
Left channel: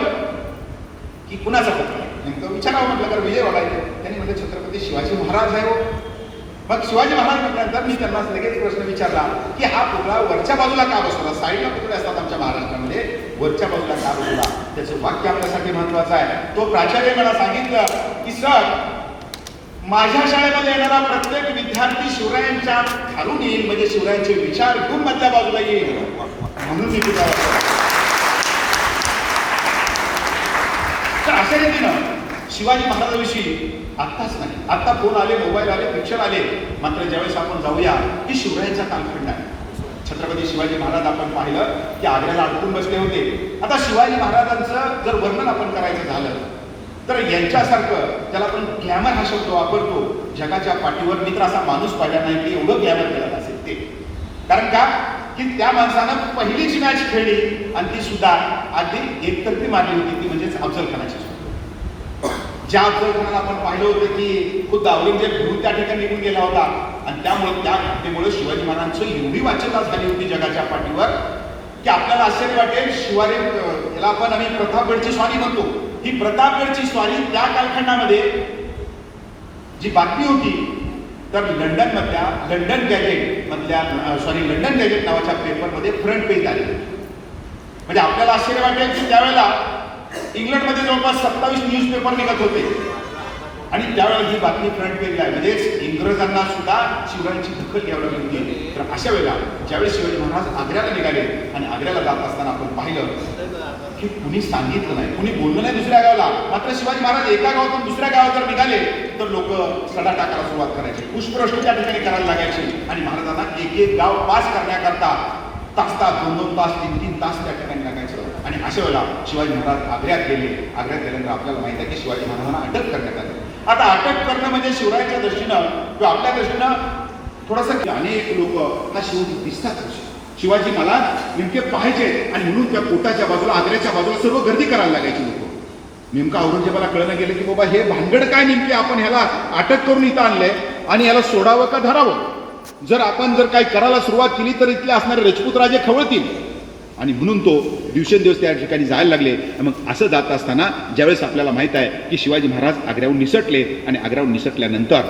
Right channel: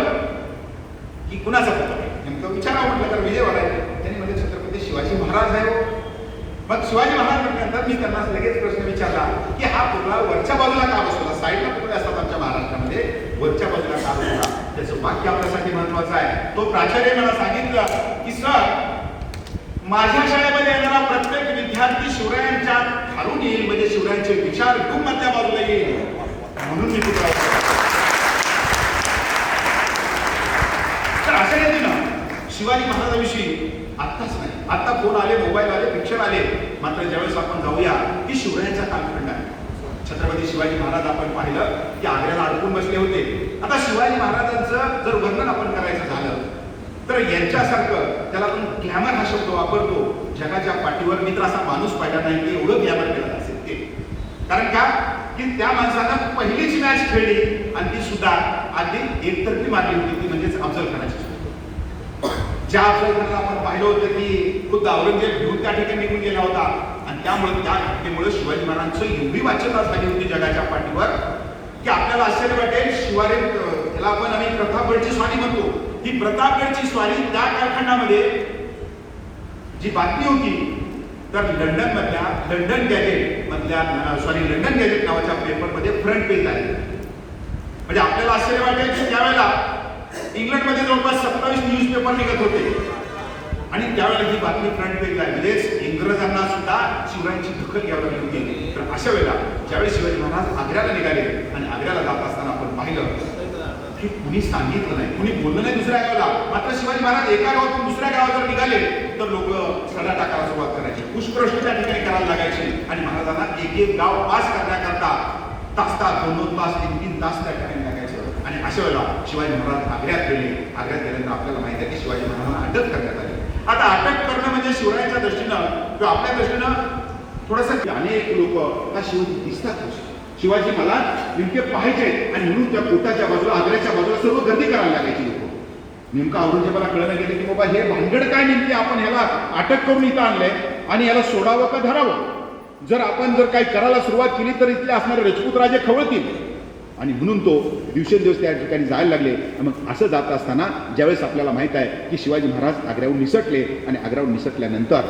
की कुणाचा पुतळा आहे, नेमकं विचारावं म्हटलं तर विजयवाडा आहे. त्यांनी म्हणजे छत्रपती शिवाजी महाराज आहे. मग शिवाजी महाराज म्हटल्यानंतर मी त्यांना लगेच प्रश्न विचारला की हा पुतळा वरच्या बाजूला का बसवला? साईडला पुतळे असतात आमच्या महाराष्ट्रामध्ये, वरच्या बाजूला का बसवला? त्याचं वाक्य आपल्यासाठी महत्वाचं आहे. तो प्राचार्य मला सांगितलं की सर, माझ्या शाळेमध्ये येणारा प्रत्येक विद्यार्थी शिवरायांच्या खालून येईल, म्हणजे शिवरायांचे विचार खूप मधल्या बाजूला येईल, म्हणून मी तुला. तर अशा रीतीनं शिवाजी महाराजांविषयी आत्ताच नाही, आता फोन आले, मोबाईल आले, पिक्चर आले. मात्र ज्यावेळेस आपण जाऊया की शिवरायांचा कालखंड आहे. छत्रपती शिवाजी महाराज आपण पाहिलं की आग्र्याला अडकून बसले होते. आता शिवाजी महाराजांचं जर वर्णन आपण करायचं झालं तर यांच्यासारखं, त्याला आपण ग्लॅमर हा शब्द वापरतो, जगाच्या पाठीवर मी तर असा माणूस पाहिला नाही की एवढं ग्लॅमर केलं असेल ते. कारण का की त्या माणसानं पहिलीच मॅच खेळली आणि ती सुद्धा अगदी एकतर्फी मारली होती, ती म्हणजेच अफजल खानाची. ज्या अफजल खानाला आपण पाहिलं होतं की खुद्द औरंगजेब घेऊन त्या ठिकाणी निघून गेला होता. आणि त्यामुळे त्या घटनेमुळे शिवाजी महाराजांचं एवढी वाच्यता झाली होती जगाच्या पाठीवर की आपल्याला आश्चर्य वाटेल. शिवाजी याला आपण आणि प्रतापगडची स्वारी म्हणतो, ही प्रतापगडची स्वारी त्या कालखंडामध्ये जी बातमी होती तर लंडन गॅजेट नावाच्या पेपरमध्ये फ्रंट पेज आली. म्हणजे आपल्याला आश्चर्य वाटेल की त्यावेळेला इंग्लंडमध्ये जवळपास 27 न्यूजपेपर निघत होते आणि त्यावेळेला ही बातमी फ्रंट पेजला आहे. म्हणजेच इंग्रजांना सुद्धा शिवरायांची दखल घ्यावी लागली होती. तर अशा वेळेला ज्यावेळेस शिवाजी महाराज आग्र्याला निघाले आणि आग्र्याला जात असताना आपण पाहिलं की कुणी सांगितलं नाही, कुणी बोललं नाही दुसऱ्या गावाला. मात्र शिवाजी महाराज एका गावातून दुसऱ्या गावात जर निघाले तर लोक सडा टाकायला सुरुवात करायची, पुष्पवृष्टी त्या ठिकाणी करायला लागायची आणि महाराजांना एक गाव पास करण्याकरता तास 2-2 तास 3-3 तास त्या ठिकाणी लागायचं. आणि अशा वेळेला शिवाजी महाराज आग्र्यात गेले. आग्र्यात गेल्यानंतर आपल्याला माहिती आहे की शिवाजी महाराजांना अटक करण्यात आली. आता अटक करणं म्हणजे शिवरायांच्या दृष्टीनं किंवा आपल्या दृष्टीनं थोडंसं, अनेक लोक शिवाजी दिसतात, शिवाजी मला नेमके पाहिजे आणि म्हणून त्या कोटाच्या बाजूला, आग्र्याच्या बाजूला सर्व गर्दी करायला लागायची लोक. नेमकं औरंगजेबाला कळलं गेलं की बाबा हे भानगड काय, नेमके आपण ह्याला अटक करून इथं आणलंय आणि याला सोडावं का धरावं? जर आपण काही करायला सुरुवात केली तर इथले असणारे राजपूत राजे खवळतील. आणि म्हणून तो दिवसेंदिवस त्या ठिकाणी जायला लागले. मग असं जात असताना ज्यावेळेस आपल्याला माहित आहे की शिवाजी महाराज आग्र्याहून निसटले आणि आग्र्याहून निसटल्यानंतर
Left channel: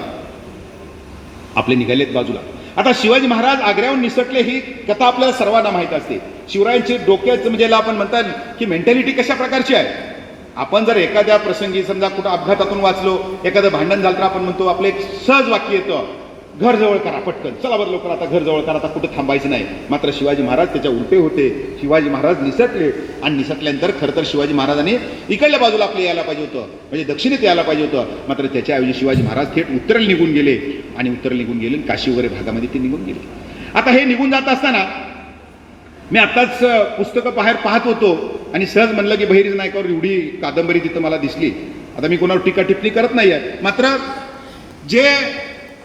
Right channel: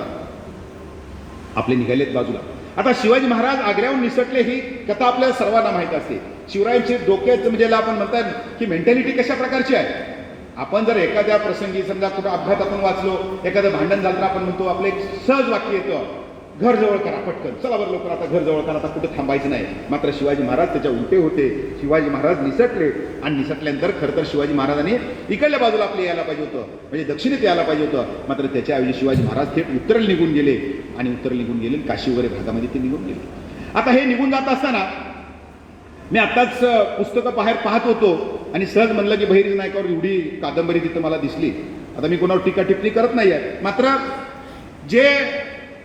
आपले निघालेत बाजूला. आता शिवाजी महाराज आग्र्याहून निसटले ही कथा आपल्याला सर्वांना माहीत असते. शिवरायांची डोक्याचं म्हणजे याला आपण म्हणतात की मेंटॅलिटी कशा प्रकारची आहे. आपण जर एखाद्या प्रसंगी समजा कुठं अपघातातून वाचलो, एखादं भांडण झालं तर आपण म्हणतो आपलं एक सहज वाक्य येतं, घर जवळ करा पटकन, चला बरं लवकर आता घर जवळ करा, आता कुठं थांबायचं नाही. मात्र शिवाजी महाराज त्याच्या उलटे होते. शिवाजी महाराज निसटले आणि निसटल्यानंतर खरं तर शिवाजी महाराजांनी इकडल्या बाजूला आपले यायला पाहिजे होतं, म्हणजे दक्षिणेत यायला पाहिजे होतं. मात्र त्याच्याऐवजी शिवाजी महाराज थेट उत्तरेला निघून गेले आणि उत्तरेला निघून गेले, काशी वगैरे भागामध्ये ते निघून गेले. आता हे निघून जात असताना मी आत्ताच पुस्तकं बाहेर पाहत होतो आणि सहज म्हणलं की बहिर्जी नायकावर एवढी कादंबरी तिथं मला दिसली. आता मी कोणावर टीका टिप्पणी करत नाही आहे, मात्र जे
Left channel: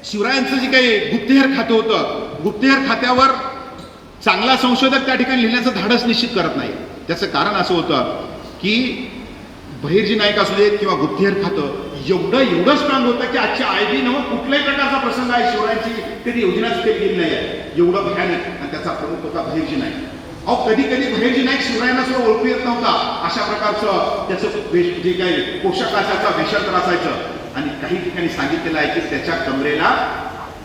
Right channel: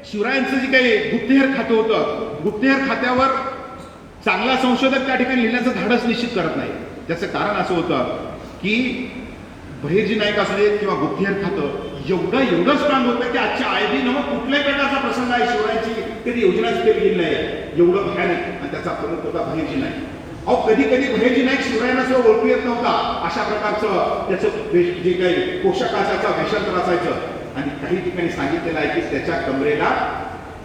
शिवरायांचं जे काही गुप्तहेर खातं होतं, गुप्तहेर खात्यावर चांगला संशोधक त्या ठिकाणी लिहिण्याचं धाडस निश्चित करत नाही. त्याचं कारण असं होतं की बहिर्जी नाईक असू देत किंवा गुप्तहेर खातं एवढं स्ट्रॉंग होतं की आजच्या आयबी न कुठल्याही प्रकारचा प्रसंग आहे शिवरायांची कधी योजनाच केली गेली नाही आहे, एवढं भयानक. आणि त्याचा प्रमुख होता बहिर्जी नाईक. अहो कधी बहिर्जी नाईक शिवरायांना सुद्धा ओळखू येत नव्हता. अशा प्रकारचं त्याचं जे काही पोशाख असायचा, वेषांतर असायचं. आणि काही ठिकाणी सांगितलेलं आहे की त्याच्या कमरेला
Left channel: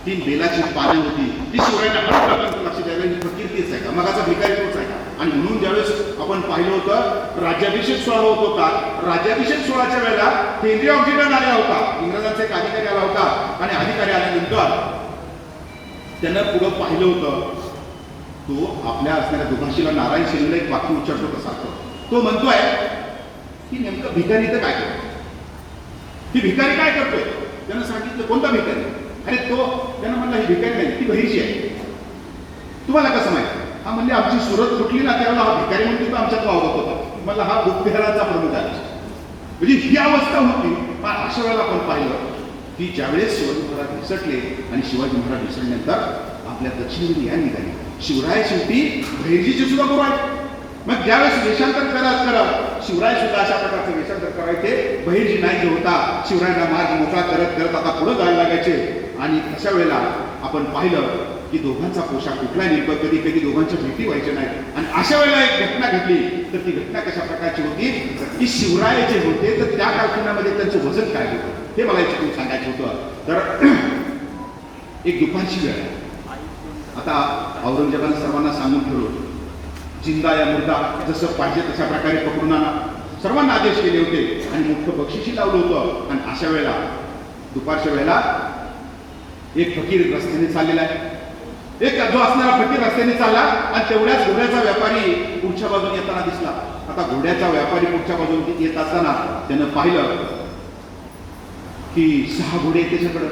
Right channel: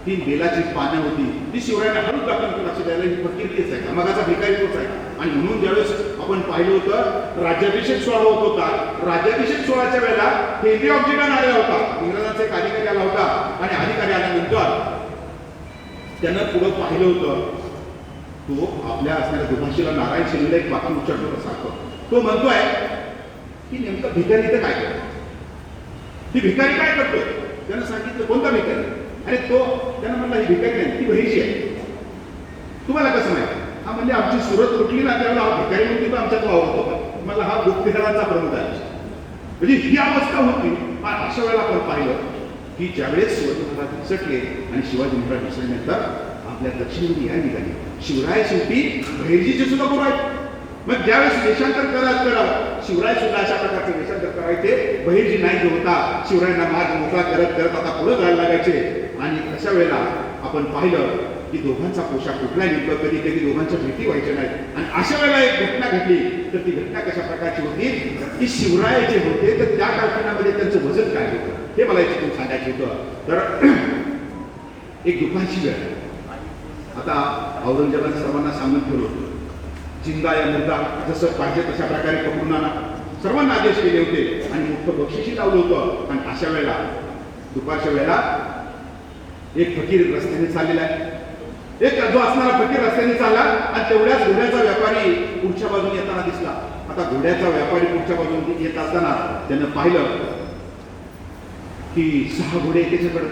3 बेलाची पानं होती. ती शिवरायांना हळूच आपण लक्ष द्यायला ही फकीर तीच आहे का, मगाचा भिकारी तोच आहे का. आणि म्हणून ज्यावेळेस आपण पाहिलं होतं राज्याभिषेक सोहळा होत होता, राज्याभिषेक सोहळ्याच्या वेळेला केंद्रीय ऑक्सिजन आलेला होता, इंग्रजांचा एक अधिकारी आला होता. आणि अधिकारी आल्यानंतर त्यानं पुढं पाहिलं होतं, तो आपल्या असणाऱ्या दुभाषीला नारायण सेनेला एक वाक्य उच्चारतो होता सारखं. तो म्हणतोय की नेमकं भिकारी इथं काय करतो, ती भिकारी काय करतोय. त्यानं सांगितलं कोणता भिकारी. अरे तो त्यानं म्हणला ही भिकारी नाही, ती बहिर्जी आहे. तुम्हाला कसं माहिती. हा म्हणजे आमची सुरत तुटली ना त्यावेळेला हा भिकारी म्हणून तिथं आमच्यात वावरत होता. मला हा गुप्तहेरांचा प्रमुख आहे. म्हणजे ही अवस्था होती. पण अशा वेळेला आपण पाहिलं की ज्यावेळेस शिवाजी महाराज निसटले आणि शिवाजी महाराज निसटल्यानंतर आपल्या दक्षिणेकडे या निघाली. शिवराय शेवटी बहिर्जीचे सुद्धा गुरु आहेत. मग ज्यावेळेस वेषांतर करावं शिवराय सुद्धा अशा प्रकारचे वेषांतर करायचे. बहिर्जी नाईक जो होता शिवरायांना मार्ग मोकळा करत करत आता पुढे जायला लागायचे. आणि अशा वेळेला आपण पाहिलं की दोघांचा पोशाख कुठला नेमकं, कधी कधी दोघांच्या भेटी व्हायच्या नाहीत. आणि अशा वेळेला एक घटना घडली. तर ती घटना कशा प्रकारची होती की शिवराय जे होते तर त्या कालखंडामध्ये त्यांचं वजन काय होतं हे मला याच्यातून सांगायचं होतं. तर एक दुपारची वेळ. आता औरंगजेबाने सर्वांना सांगून ठेवलं जिंदा या मुर्दा जसं पाहिजे तशा प्रकारे पकडून आणा, सर्वांना आदेश केले होते आणि मोठं बक्षीसही लावलं होतं. आणि अशा वेळेला दुपारच्या वेळेला एक फकीर रस्त्याने चाललेला आहे. एक जो असणारा फकीर रस्त्याने चालला आणि तेवढ्याच घोड्याचा व्यापारी पुढच्या बाजूने येताना दिसला. आता घोड्याचा व्यापारी पुढच्या बाजूने येत असताना त्यानं पाहिलं की 6 घोडे त्याच्याकडे.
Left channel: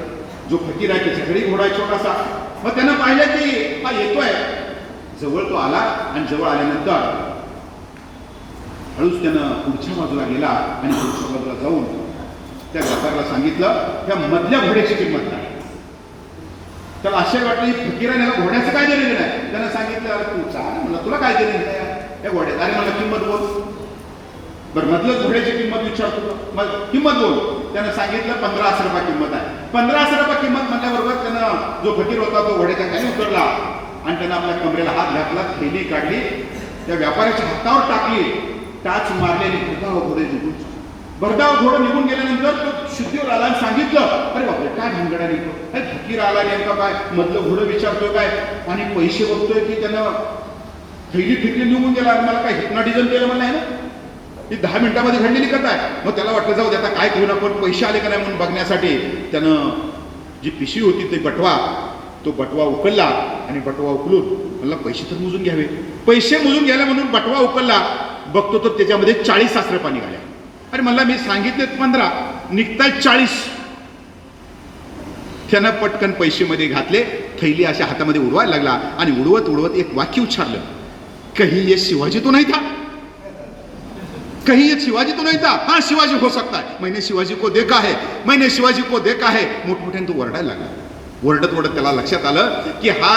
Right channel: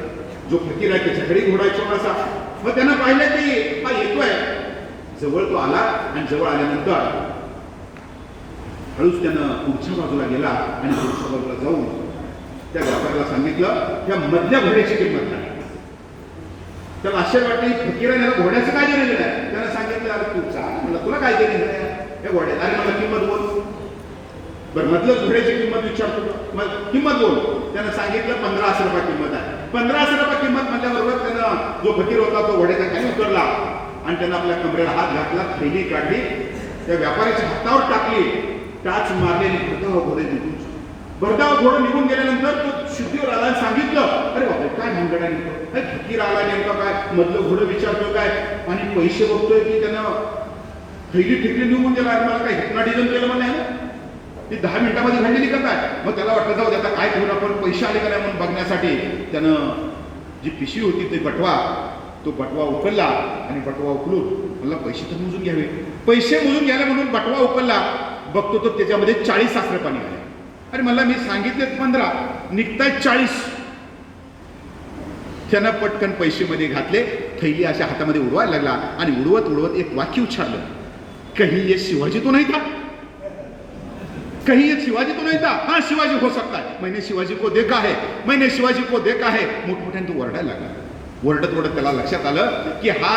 जो फकीर आहे त्याच्याकडे घोडा छोटासा. मग त्यानं पाहिलं की हा येतोय. जवळ तो आला आणि जवळ आल्यानंतर हळूच त्यानं पुढच्या बाजूला गेला आणि पुढच्या बाजूला जाऊन त्या व्यापाऱ्याला सांगितलं त्या मधल्या घोड्याची किंमत काय. त्याला आश्चर्य वाटलं की फकीराने घोड्याचं काय दिलेलं आहे. त्यानं सांगितलं अरे तू चाल म्हणलं तुला काय दिलेलं आहे या घोड्यात. अरे मला किंमत बोल. बरं मधलं घोड्याची किंमत विचारतो, मग किंमत बोल. त्यानं सांगितलं 1500 रुपये किंमत आहे. 1500 रुपये किंमत म्हणल्याबरोबर त्यानं जो फकीर होता तो घोड्याच्या खाली उतरला आणि त्यानं आपल्या कमरेला हात घातला, थैली काढली, त्या व्यापाऱ्याच्या हातावर टाकली, टाच मारली आणि भरधाव घोडं निघून गेल्यानंतर तो शुद्धीवर आला आणि सांगितलं अरे बापरे काय भानगडा निघतो, काय फकीर आला नेमका काय, मधलं घोडं विचारतोय काय आणि पैसे बघतोय की त्यानं थैली फिकली निघून गेला आणि मला काय हिप्नॉटिझम केलं म्हणलं आहे ना. ती 10 मिनिटामध्ये घडलेली कथा आहे. मग त्याला वाटलं जाऊ दे आता काय करून आपण पैसे आले का नाही म्हणून बघण्यासाठी त्यानं जी पिशवी होती ते तो बटवा उकलला आणि बटवा उकलून म्हणला पैसे तर मोजून घ्यावे. पैसे मोजून घ्यायला म्हणून बटवा उकलला, बघतो तर त्याच्यामध्ये 40 सासरे पाणी आले. अरे मला मी सांगितले 15 निघतायत 40. त्यानं पटकन पैसे मध्ये घातले, थैली अशा हातामध्ये उडवायला लागला आणि उडवत उडवत एक वाक्य उच्चारलं, कहीं ये शिवाजी तो नहीं था, कहीं ये शिवाजी तो नहीं था, हाँ शिवाजी हो सकता है, मैंने शिवाजी को देखा है, मैंने शिवाजी को देखा है. मोठमोठ्याने तो वरडायला लागला. वरडत वरडत त्याला लक्षात आलं की हा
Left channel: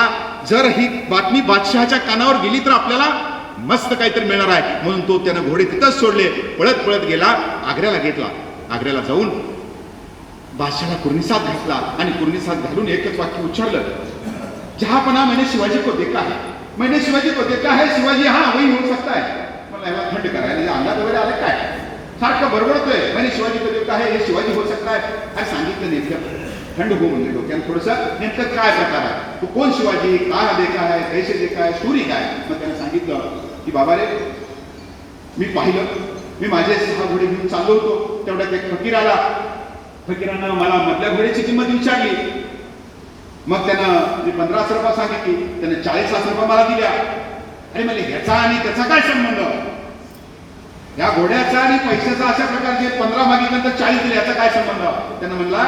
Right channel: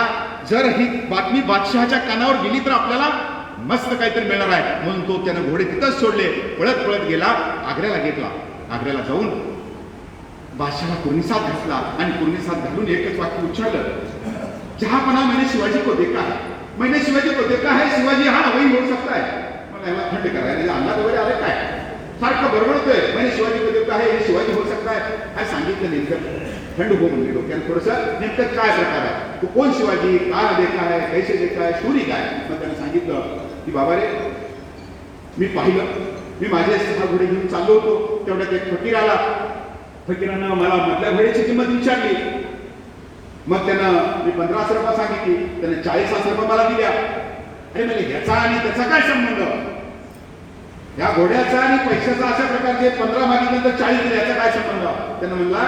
जर ही बातमी बादशहाच्या कानावर गेली तर आपल्याला मस्त काहीतरी मिळणार आहे. म्हणून तो त्यानं घोडे तिथंच सोडले, पळत पळत गेला, आग्र्याला घेतला. आग्र्याला जाऊन बादशहाला कुर्निसात घातला आणि कुर्निसात घालून एकच वाक्य उच्चारलं, जहापना मैंने शिवाजी को देखा है, मैंने शिवाजी को देखा है, शिवाजी हा वही हो सकता है. मला याला थंड करायला अंगात वगैरे आले काय. सारखं बडबडतोय म्हणे शिवाजी को जो आहे हे शिवाजी हो सकता है. काय सांगितलं नेमकं थंड हो म्हणले डोक्यानं थोडंसं नेमकं काय प्रकार आहे तो कोण शिवाजी का देखा है कैसे देखा है स्टोरी काय. मग त्यानं सांगितलं की बाबा रे मी पाहिलं मी माझे 6 घोडे घेऊन चाललो होतो तेवढ्यात एक फकीर आला. फकीरानं मला मधल्या घोड्याची किंमत विचारली. मग त्यानं मी 1500 रुपये सांगितली त्यानं 40,000 रुपये मला दिल्या. अरे म्हणजे ह्याचा आणि त्याचा काय संबंध या घोड्याचा आणि पैशाचा अशा प्रकारचे 15 मागितल्यानंतर 40 दिले याचा काय संबंध. त्यानं म्हणला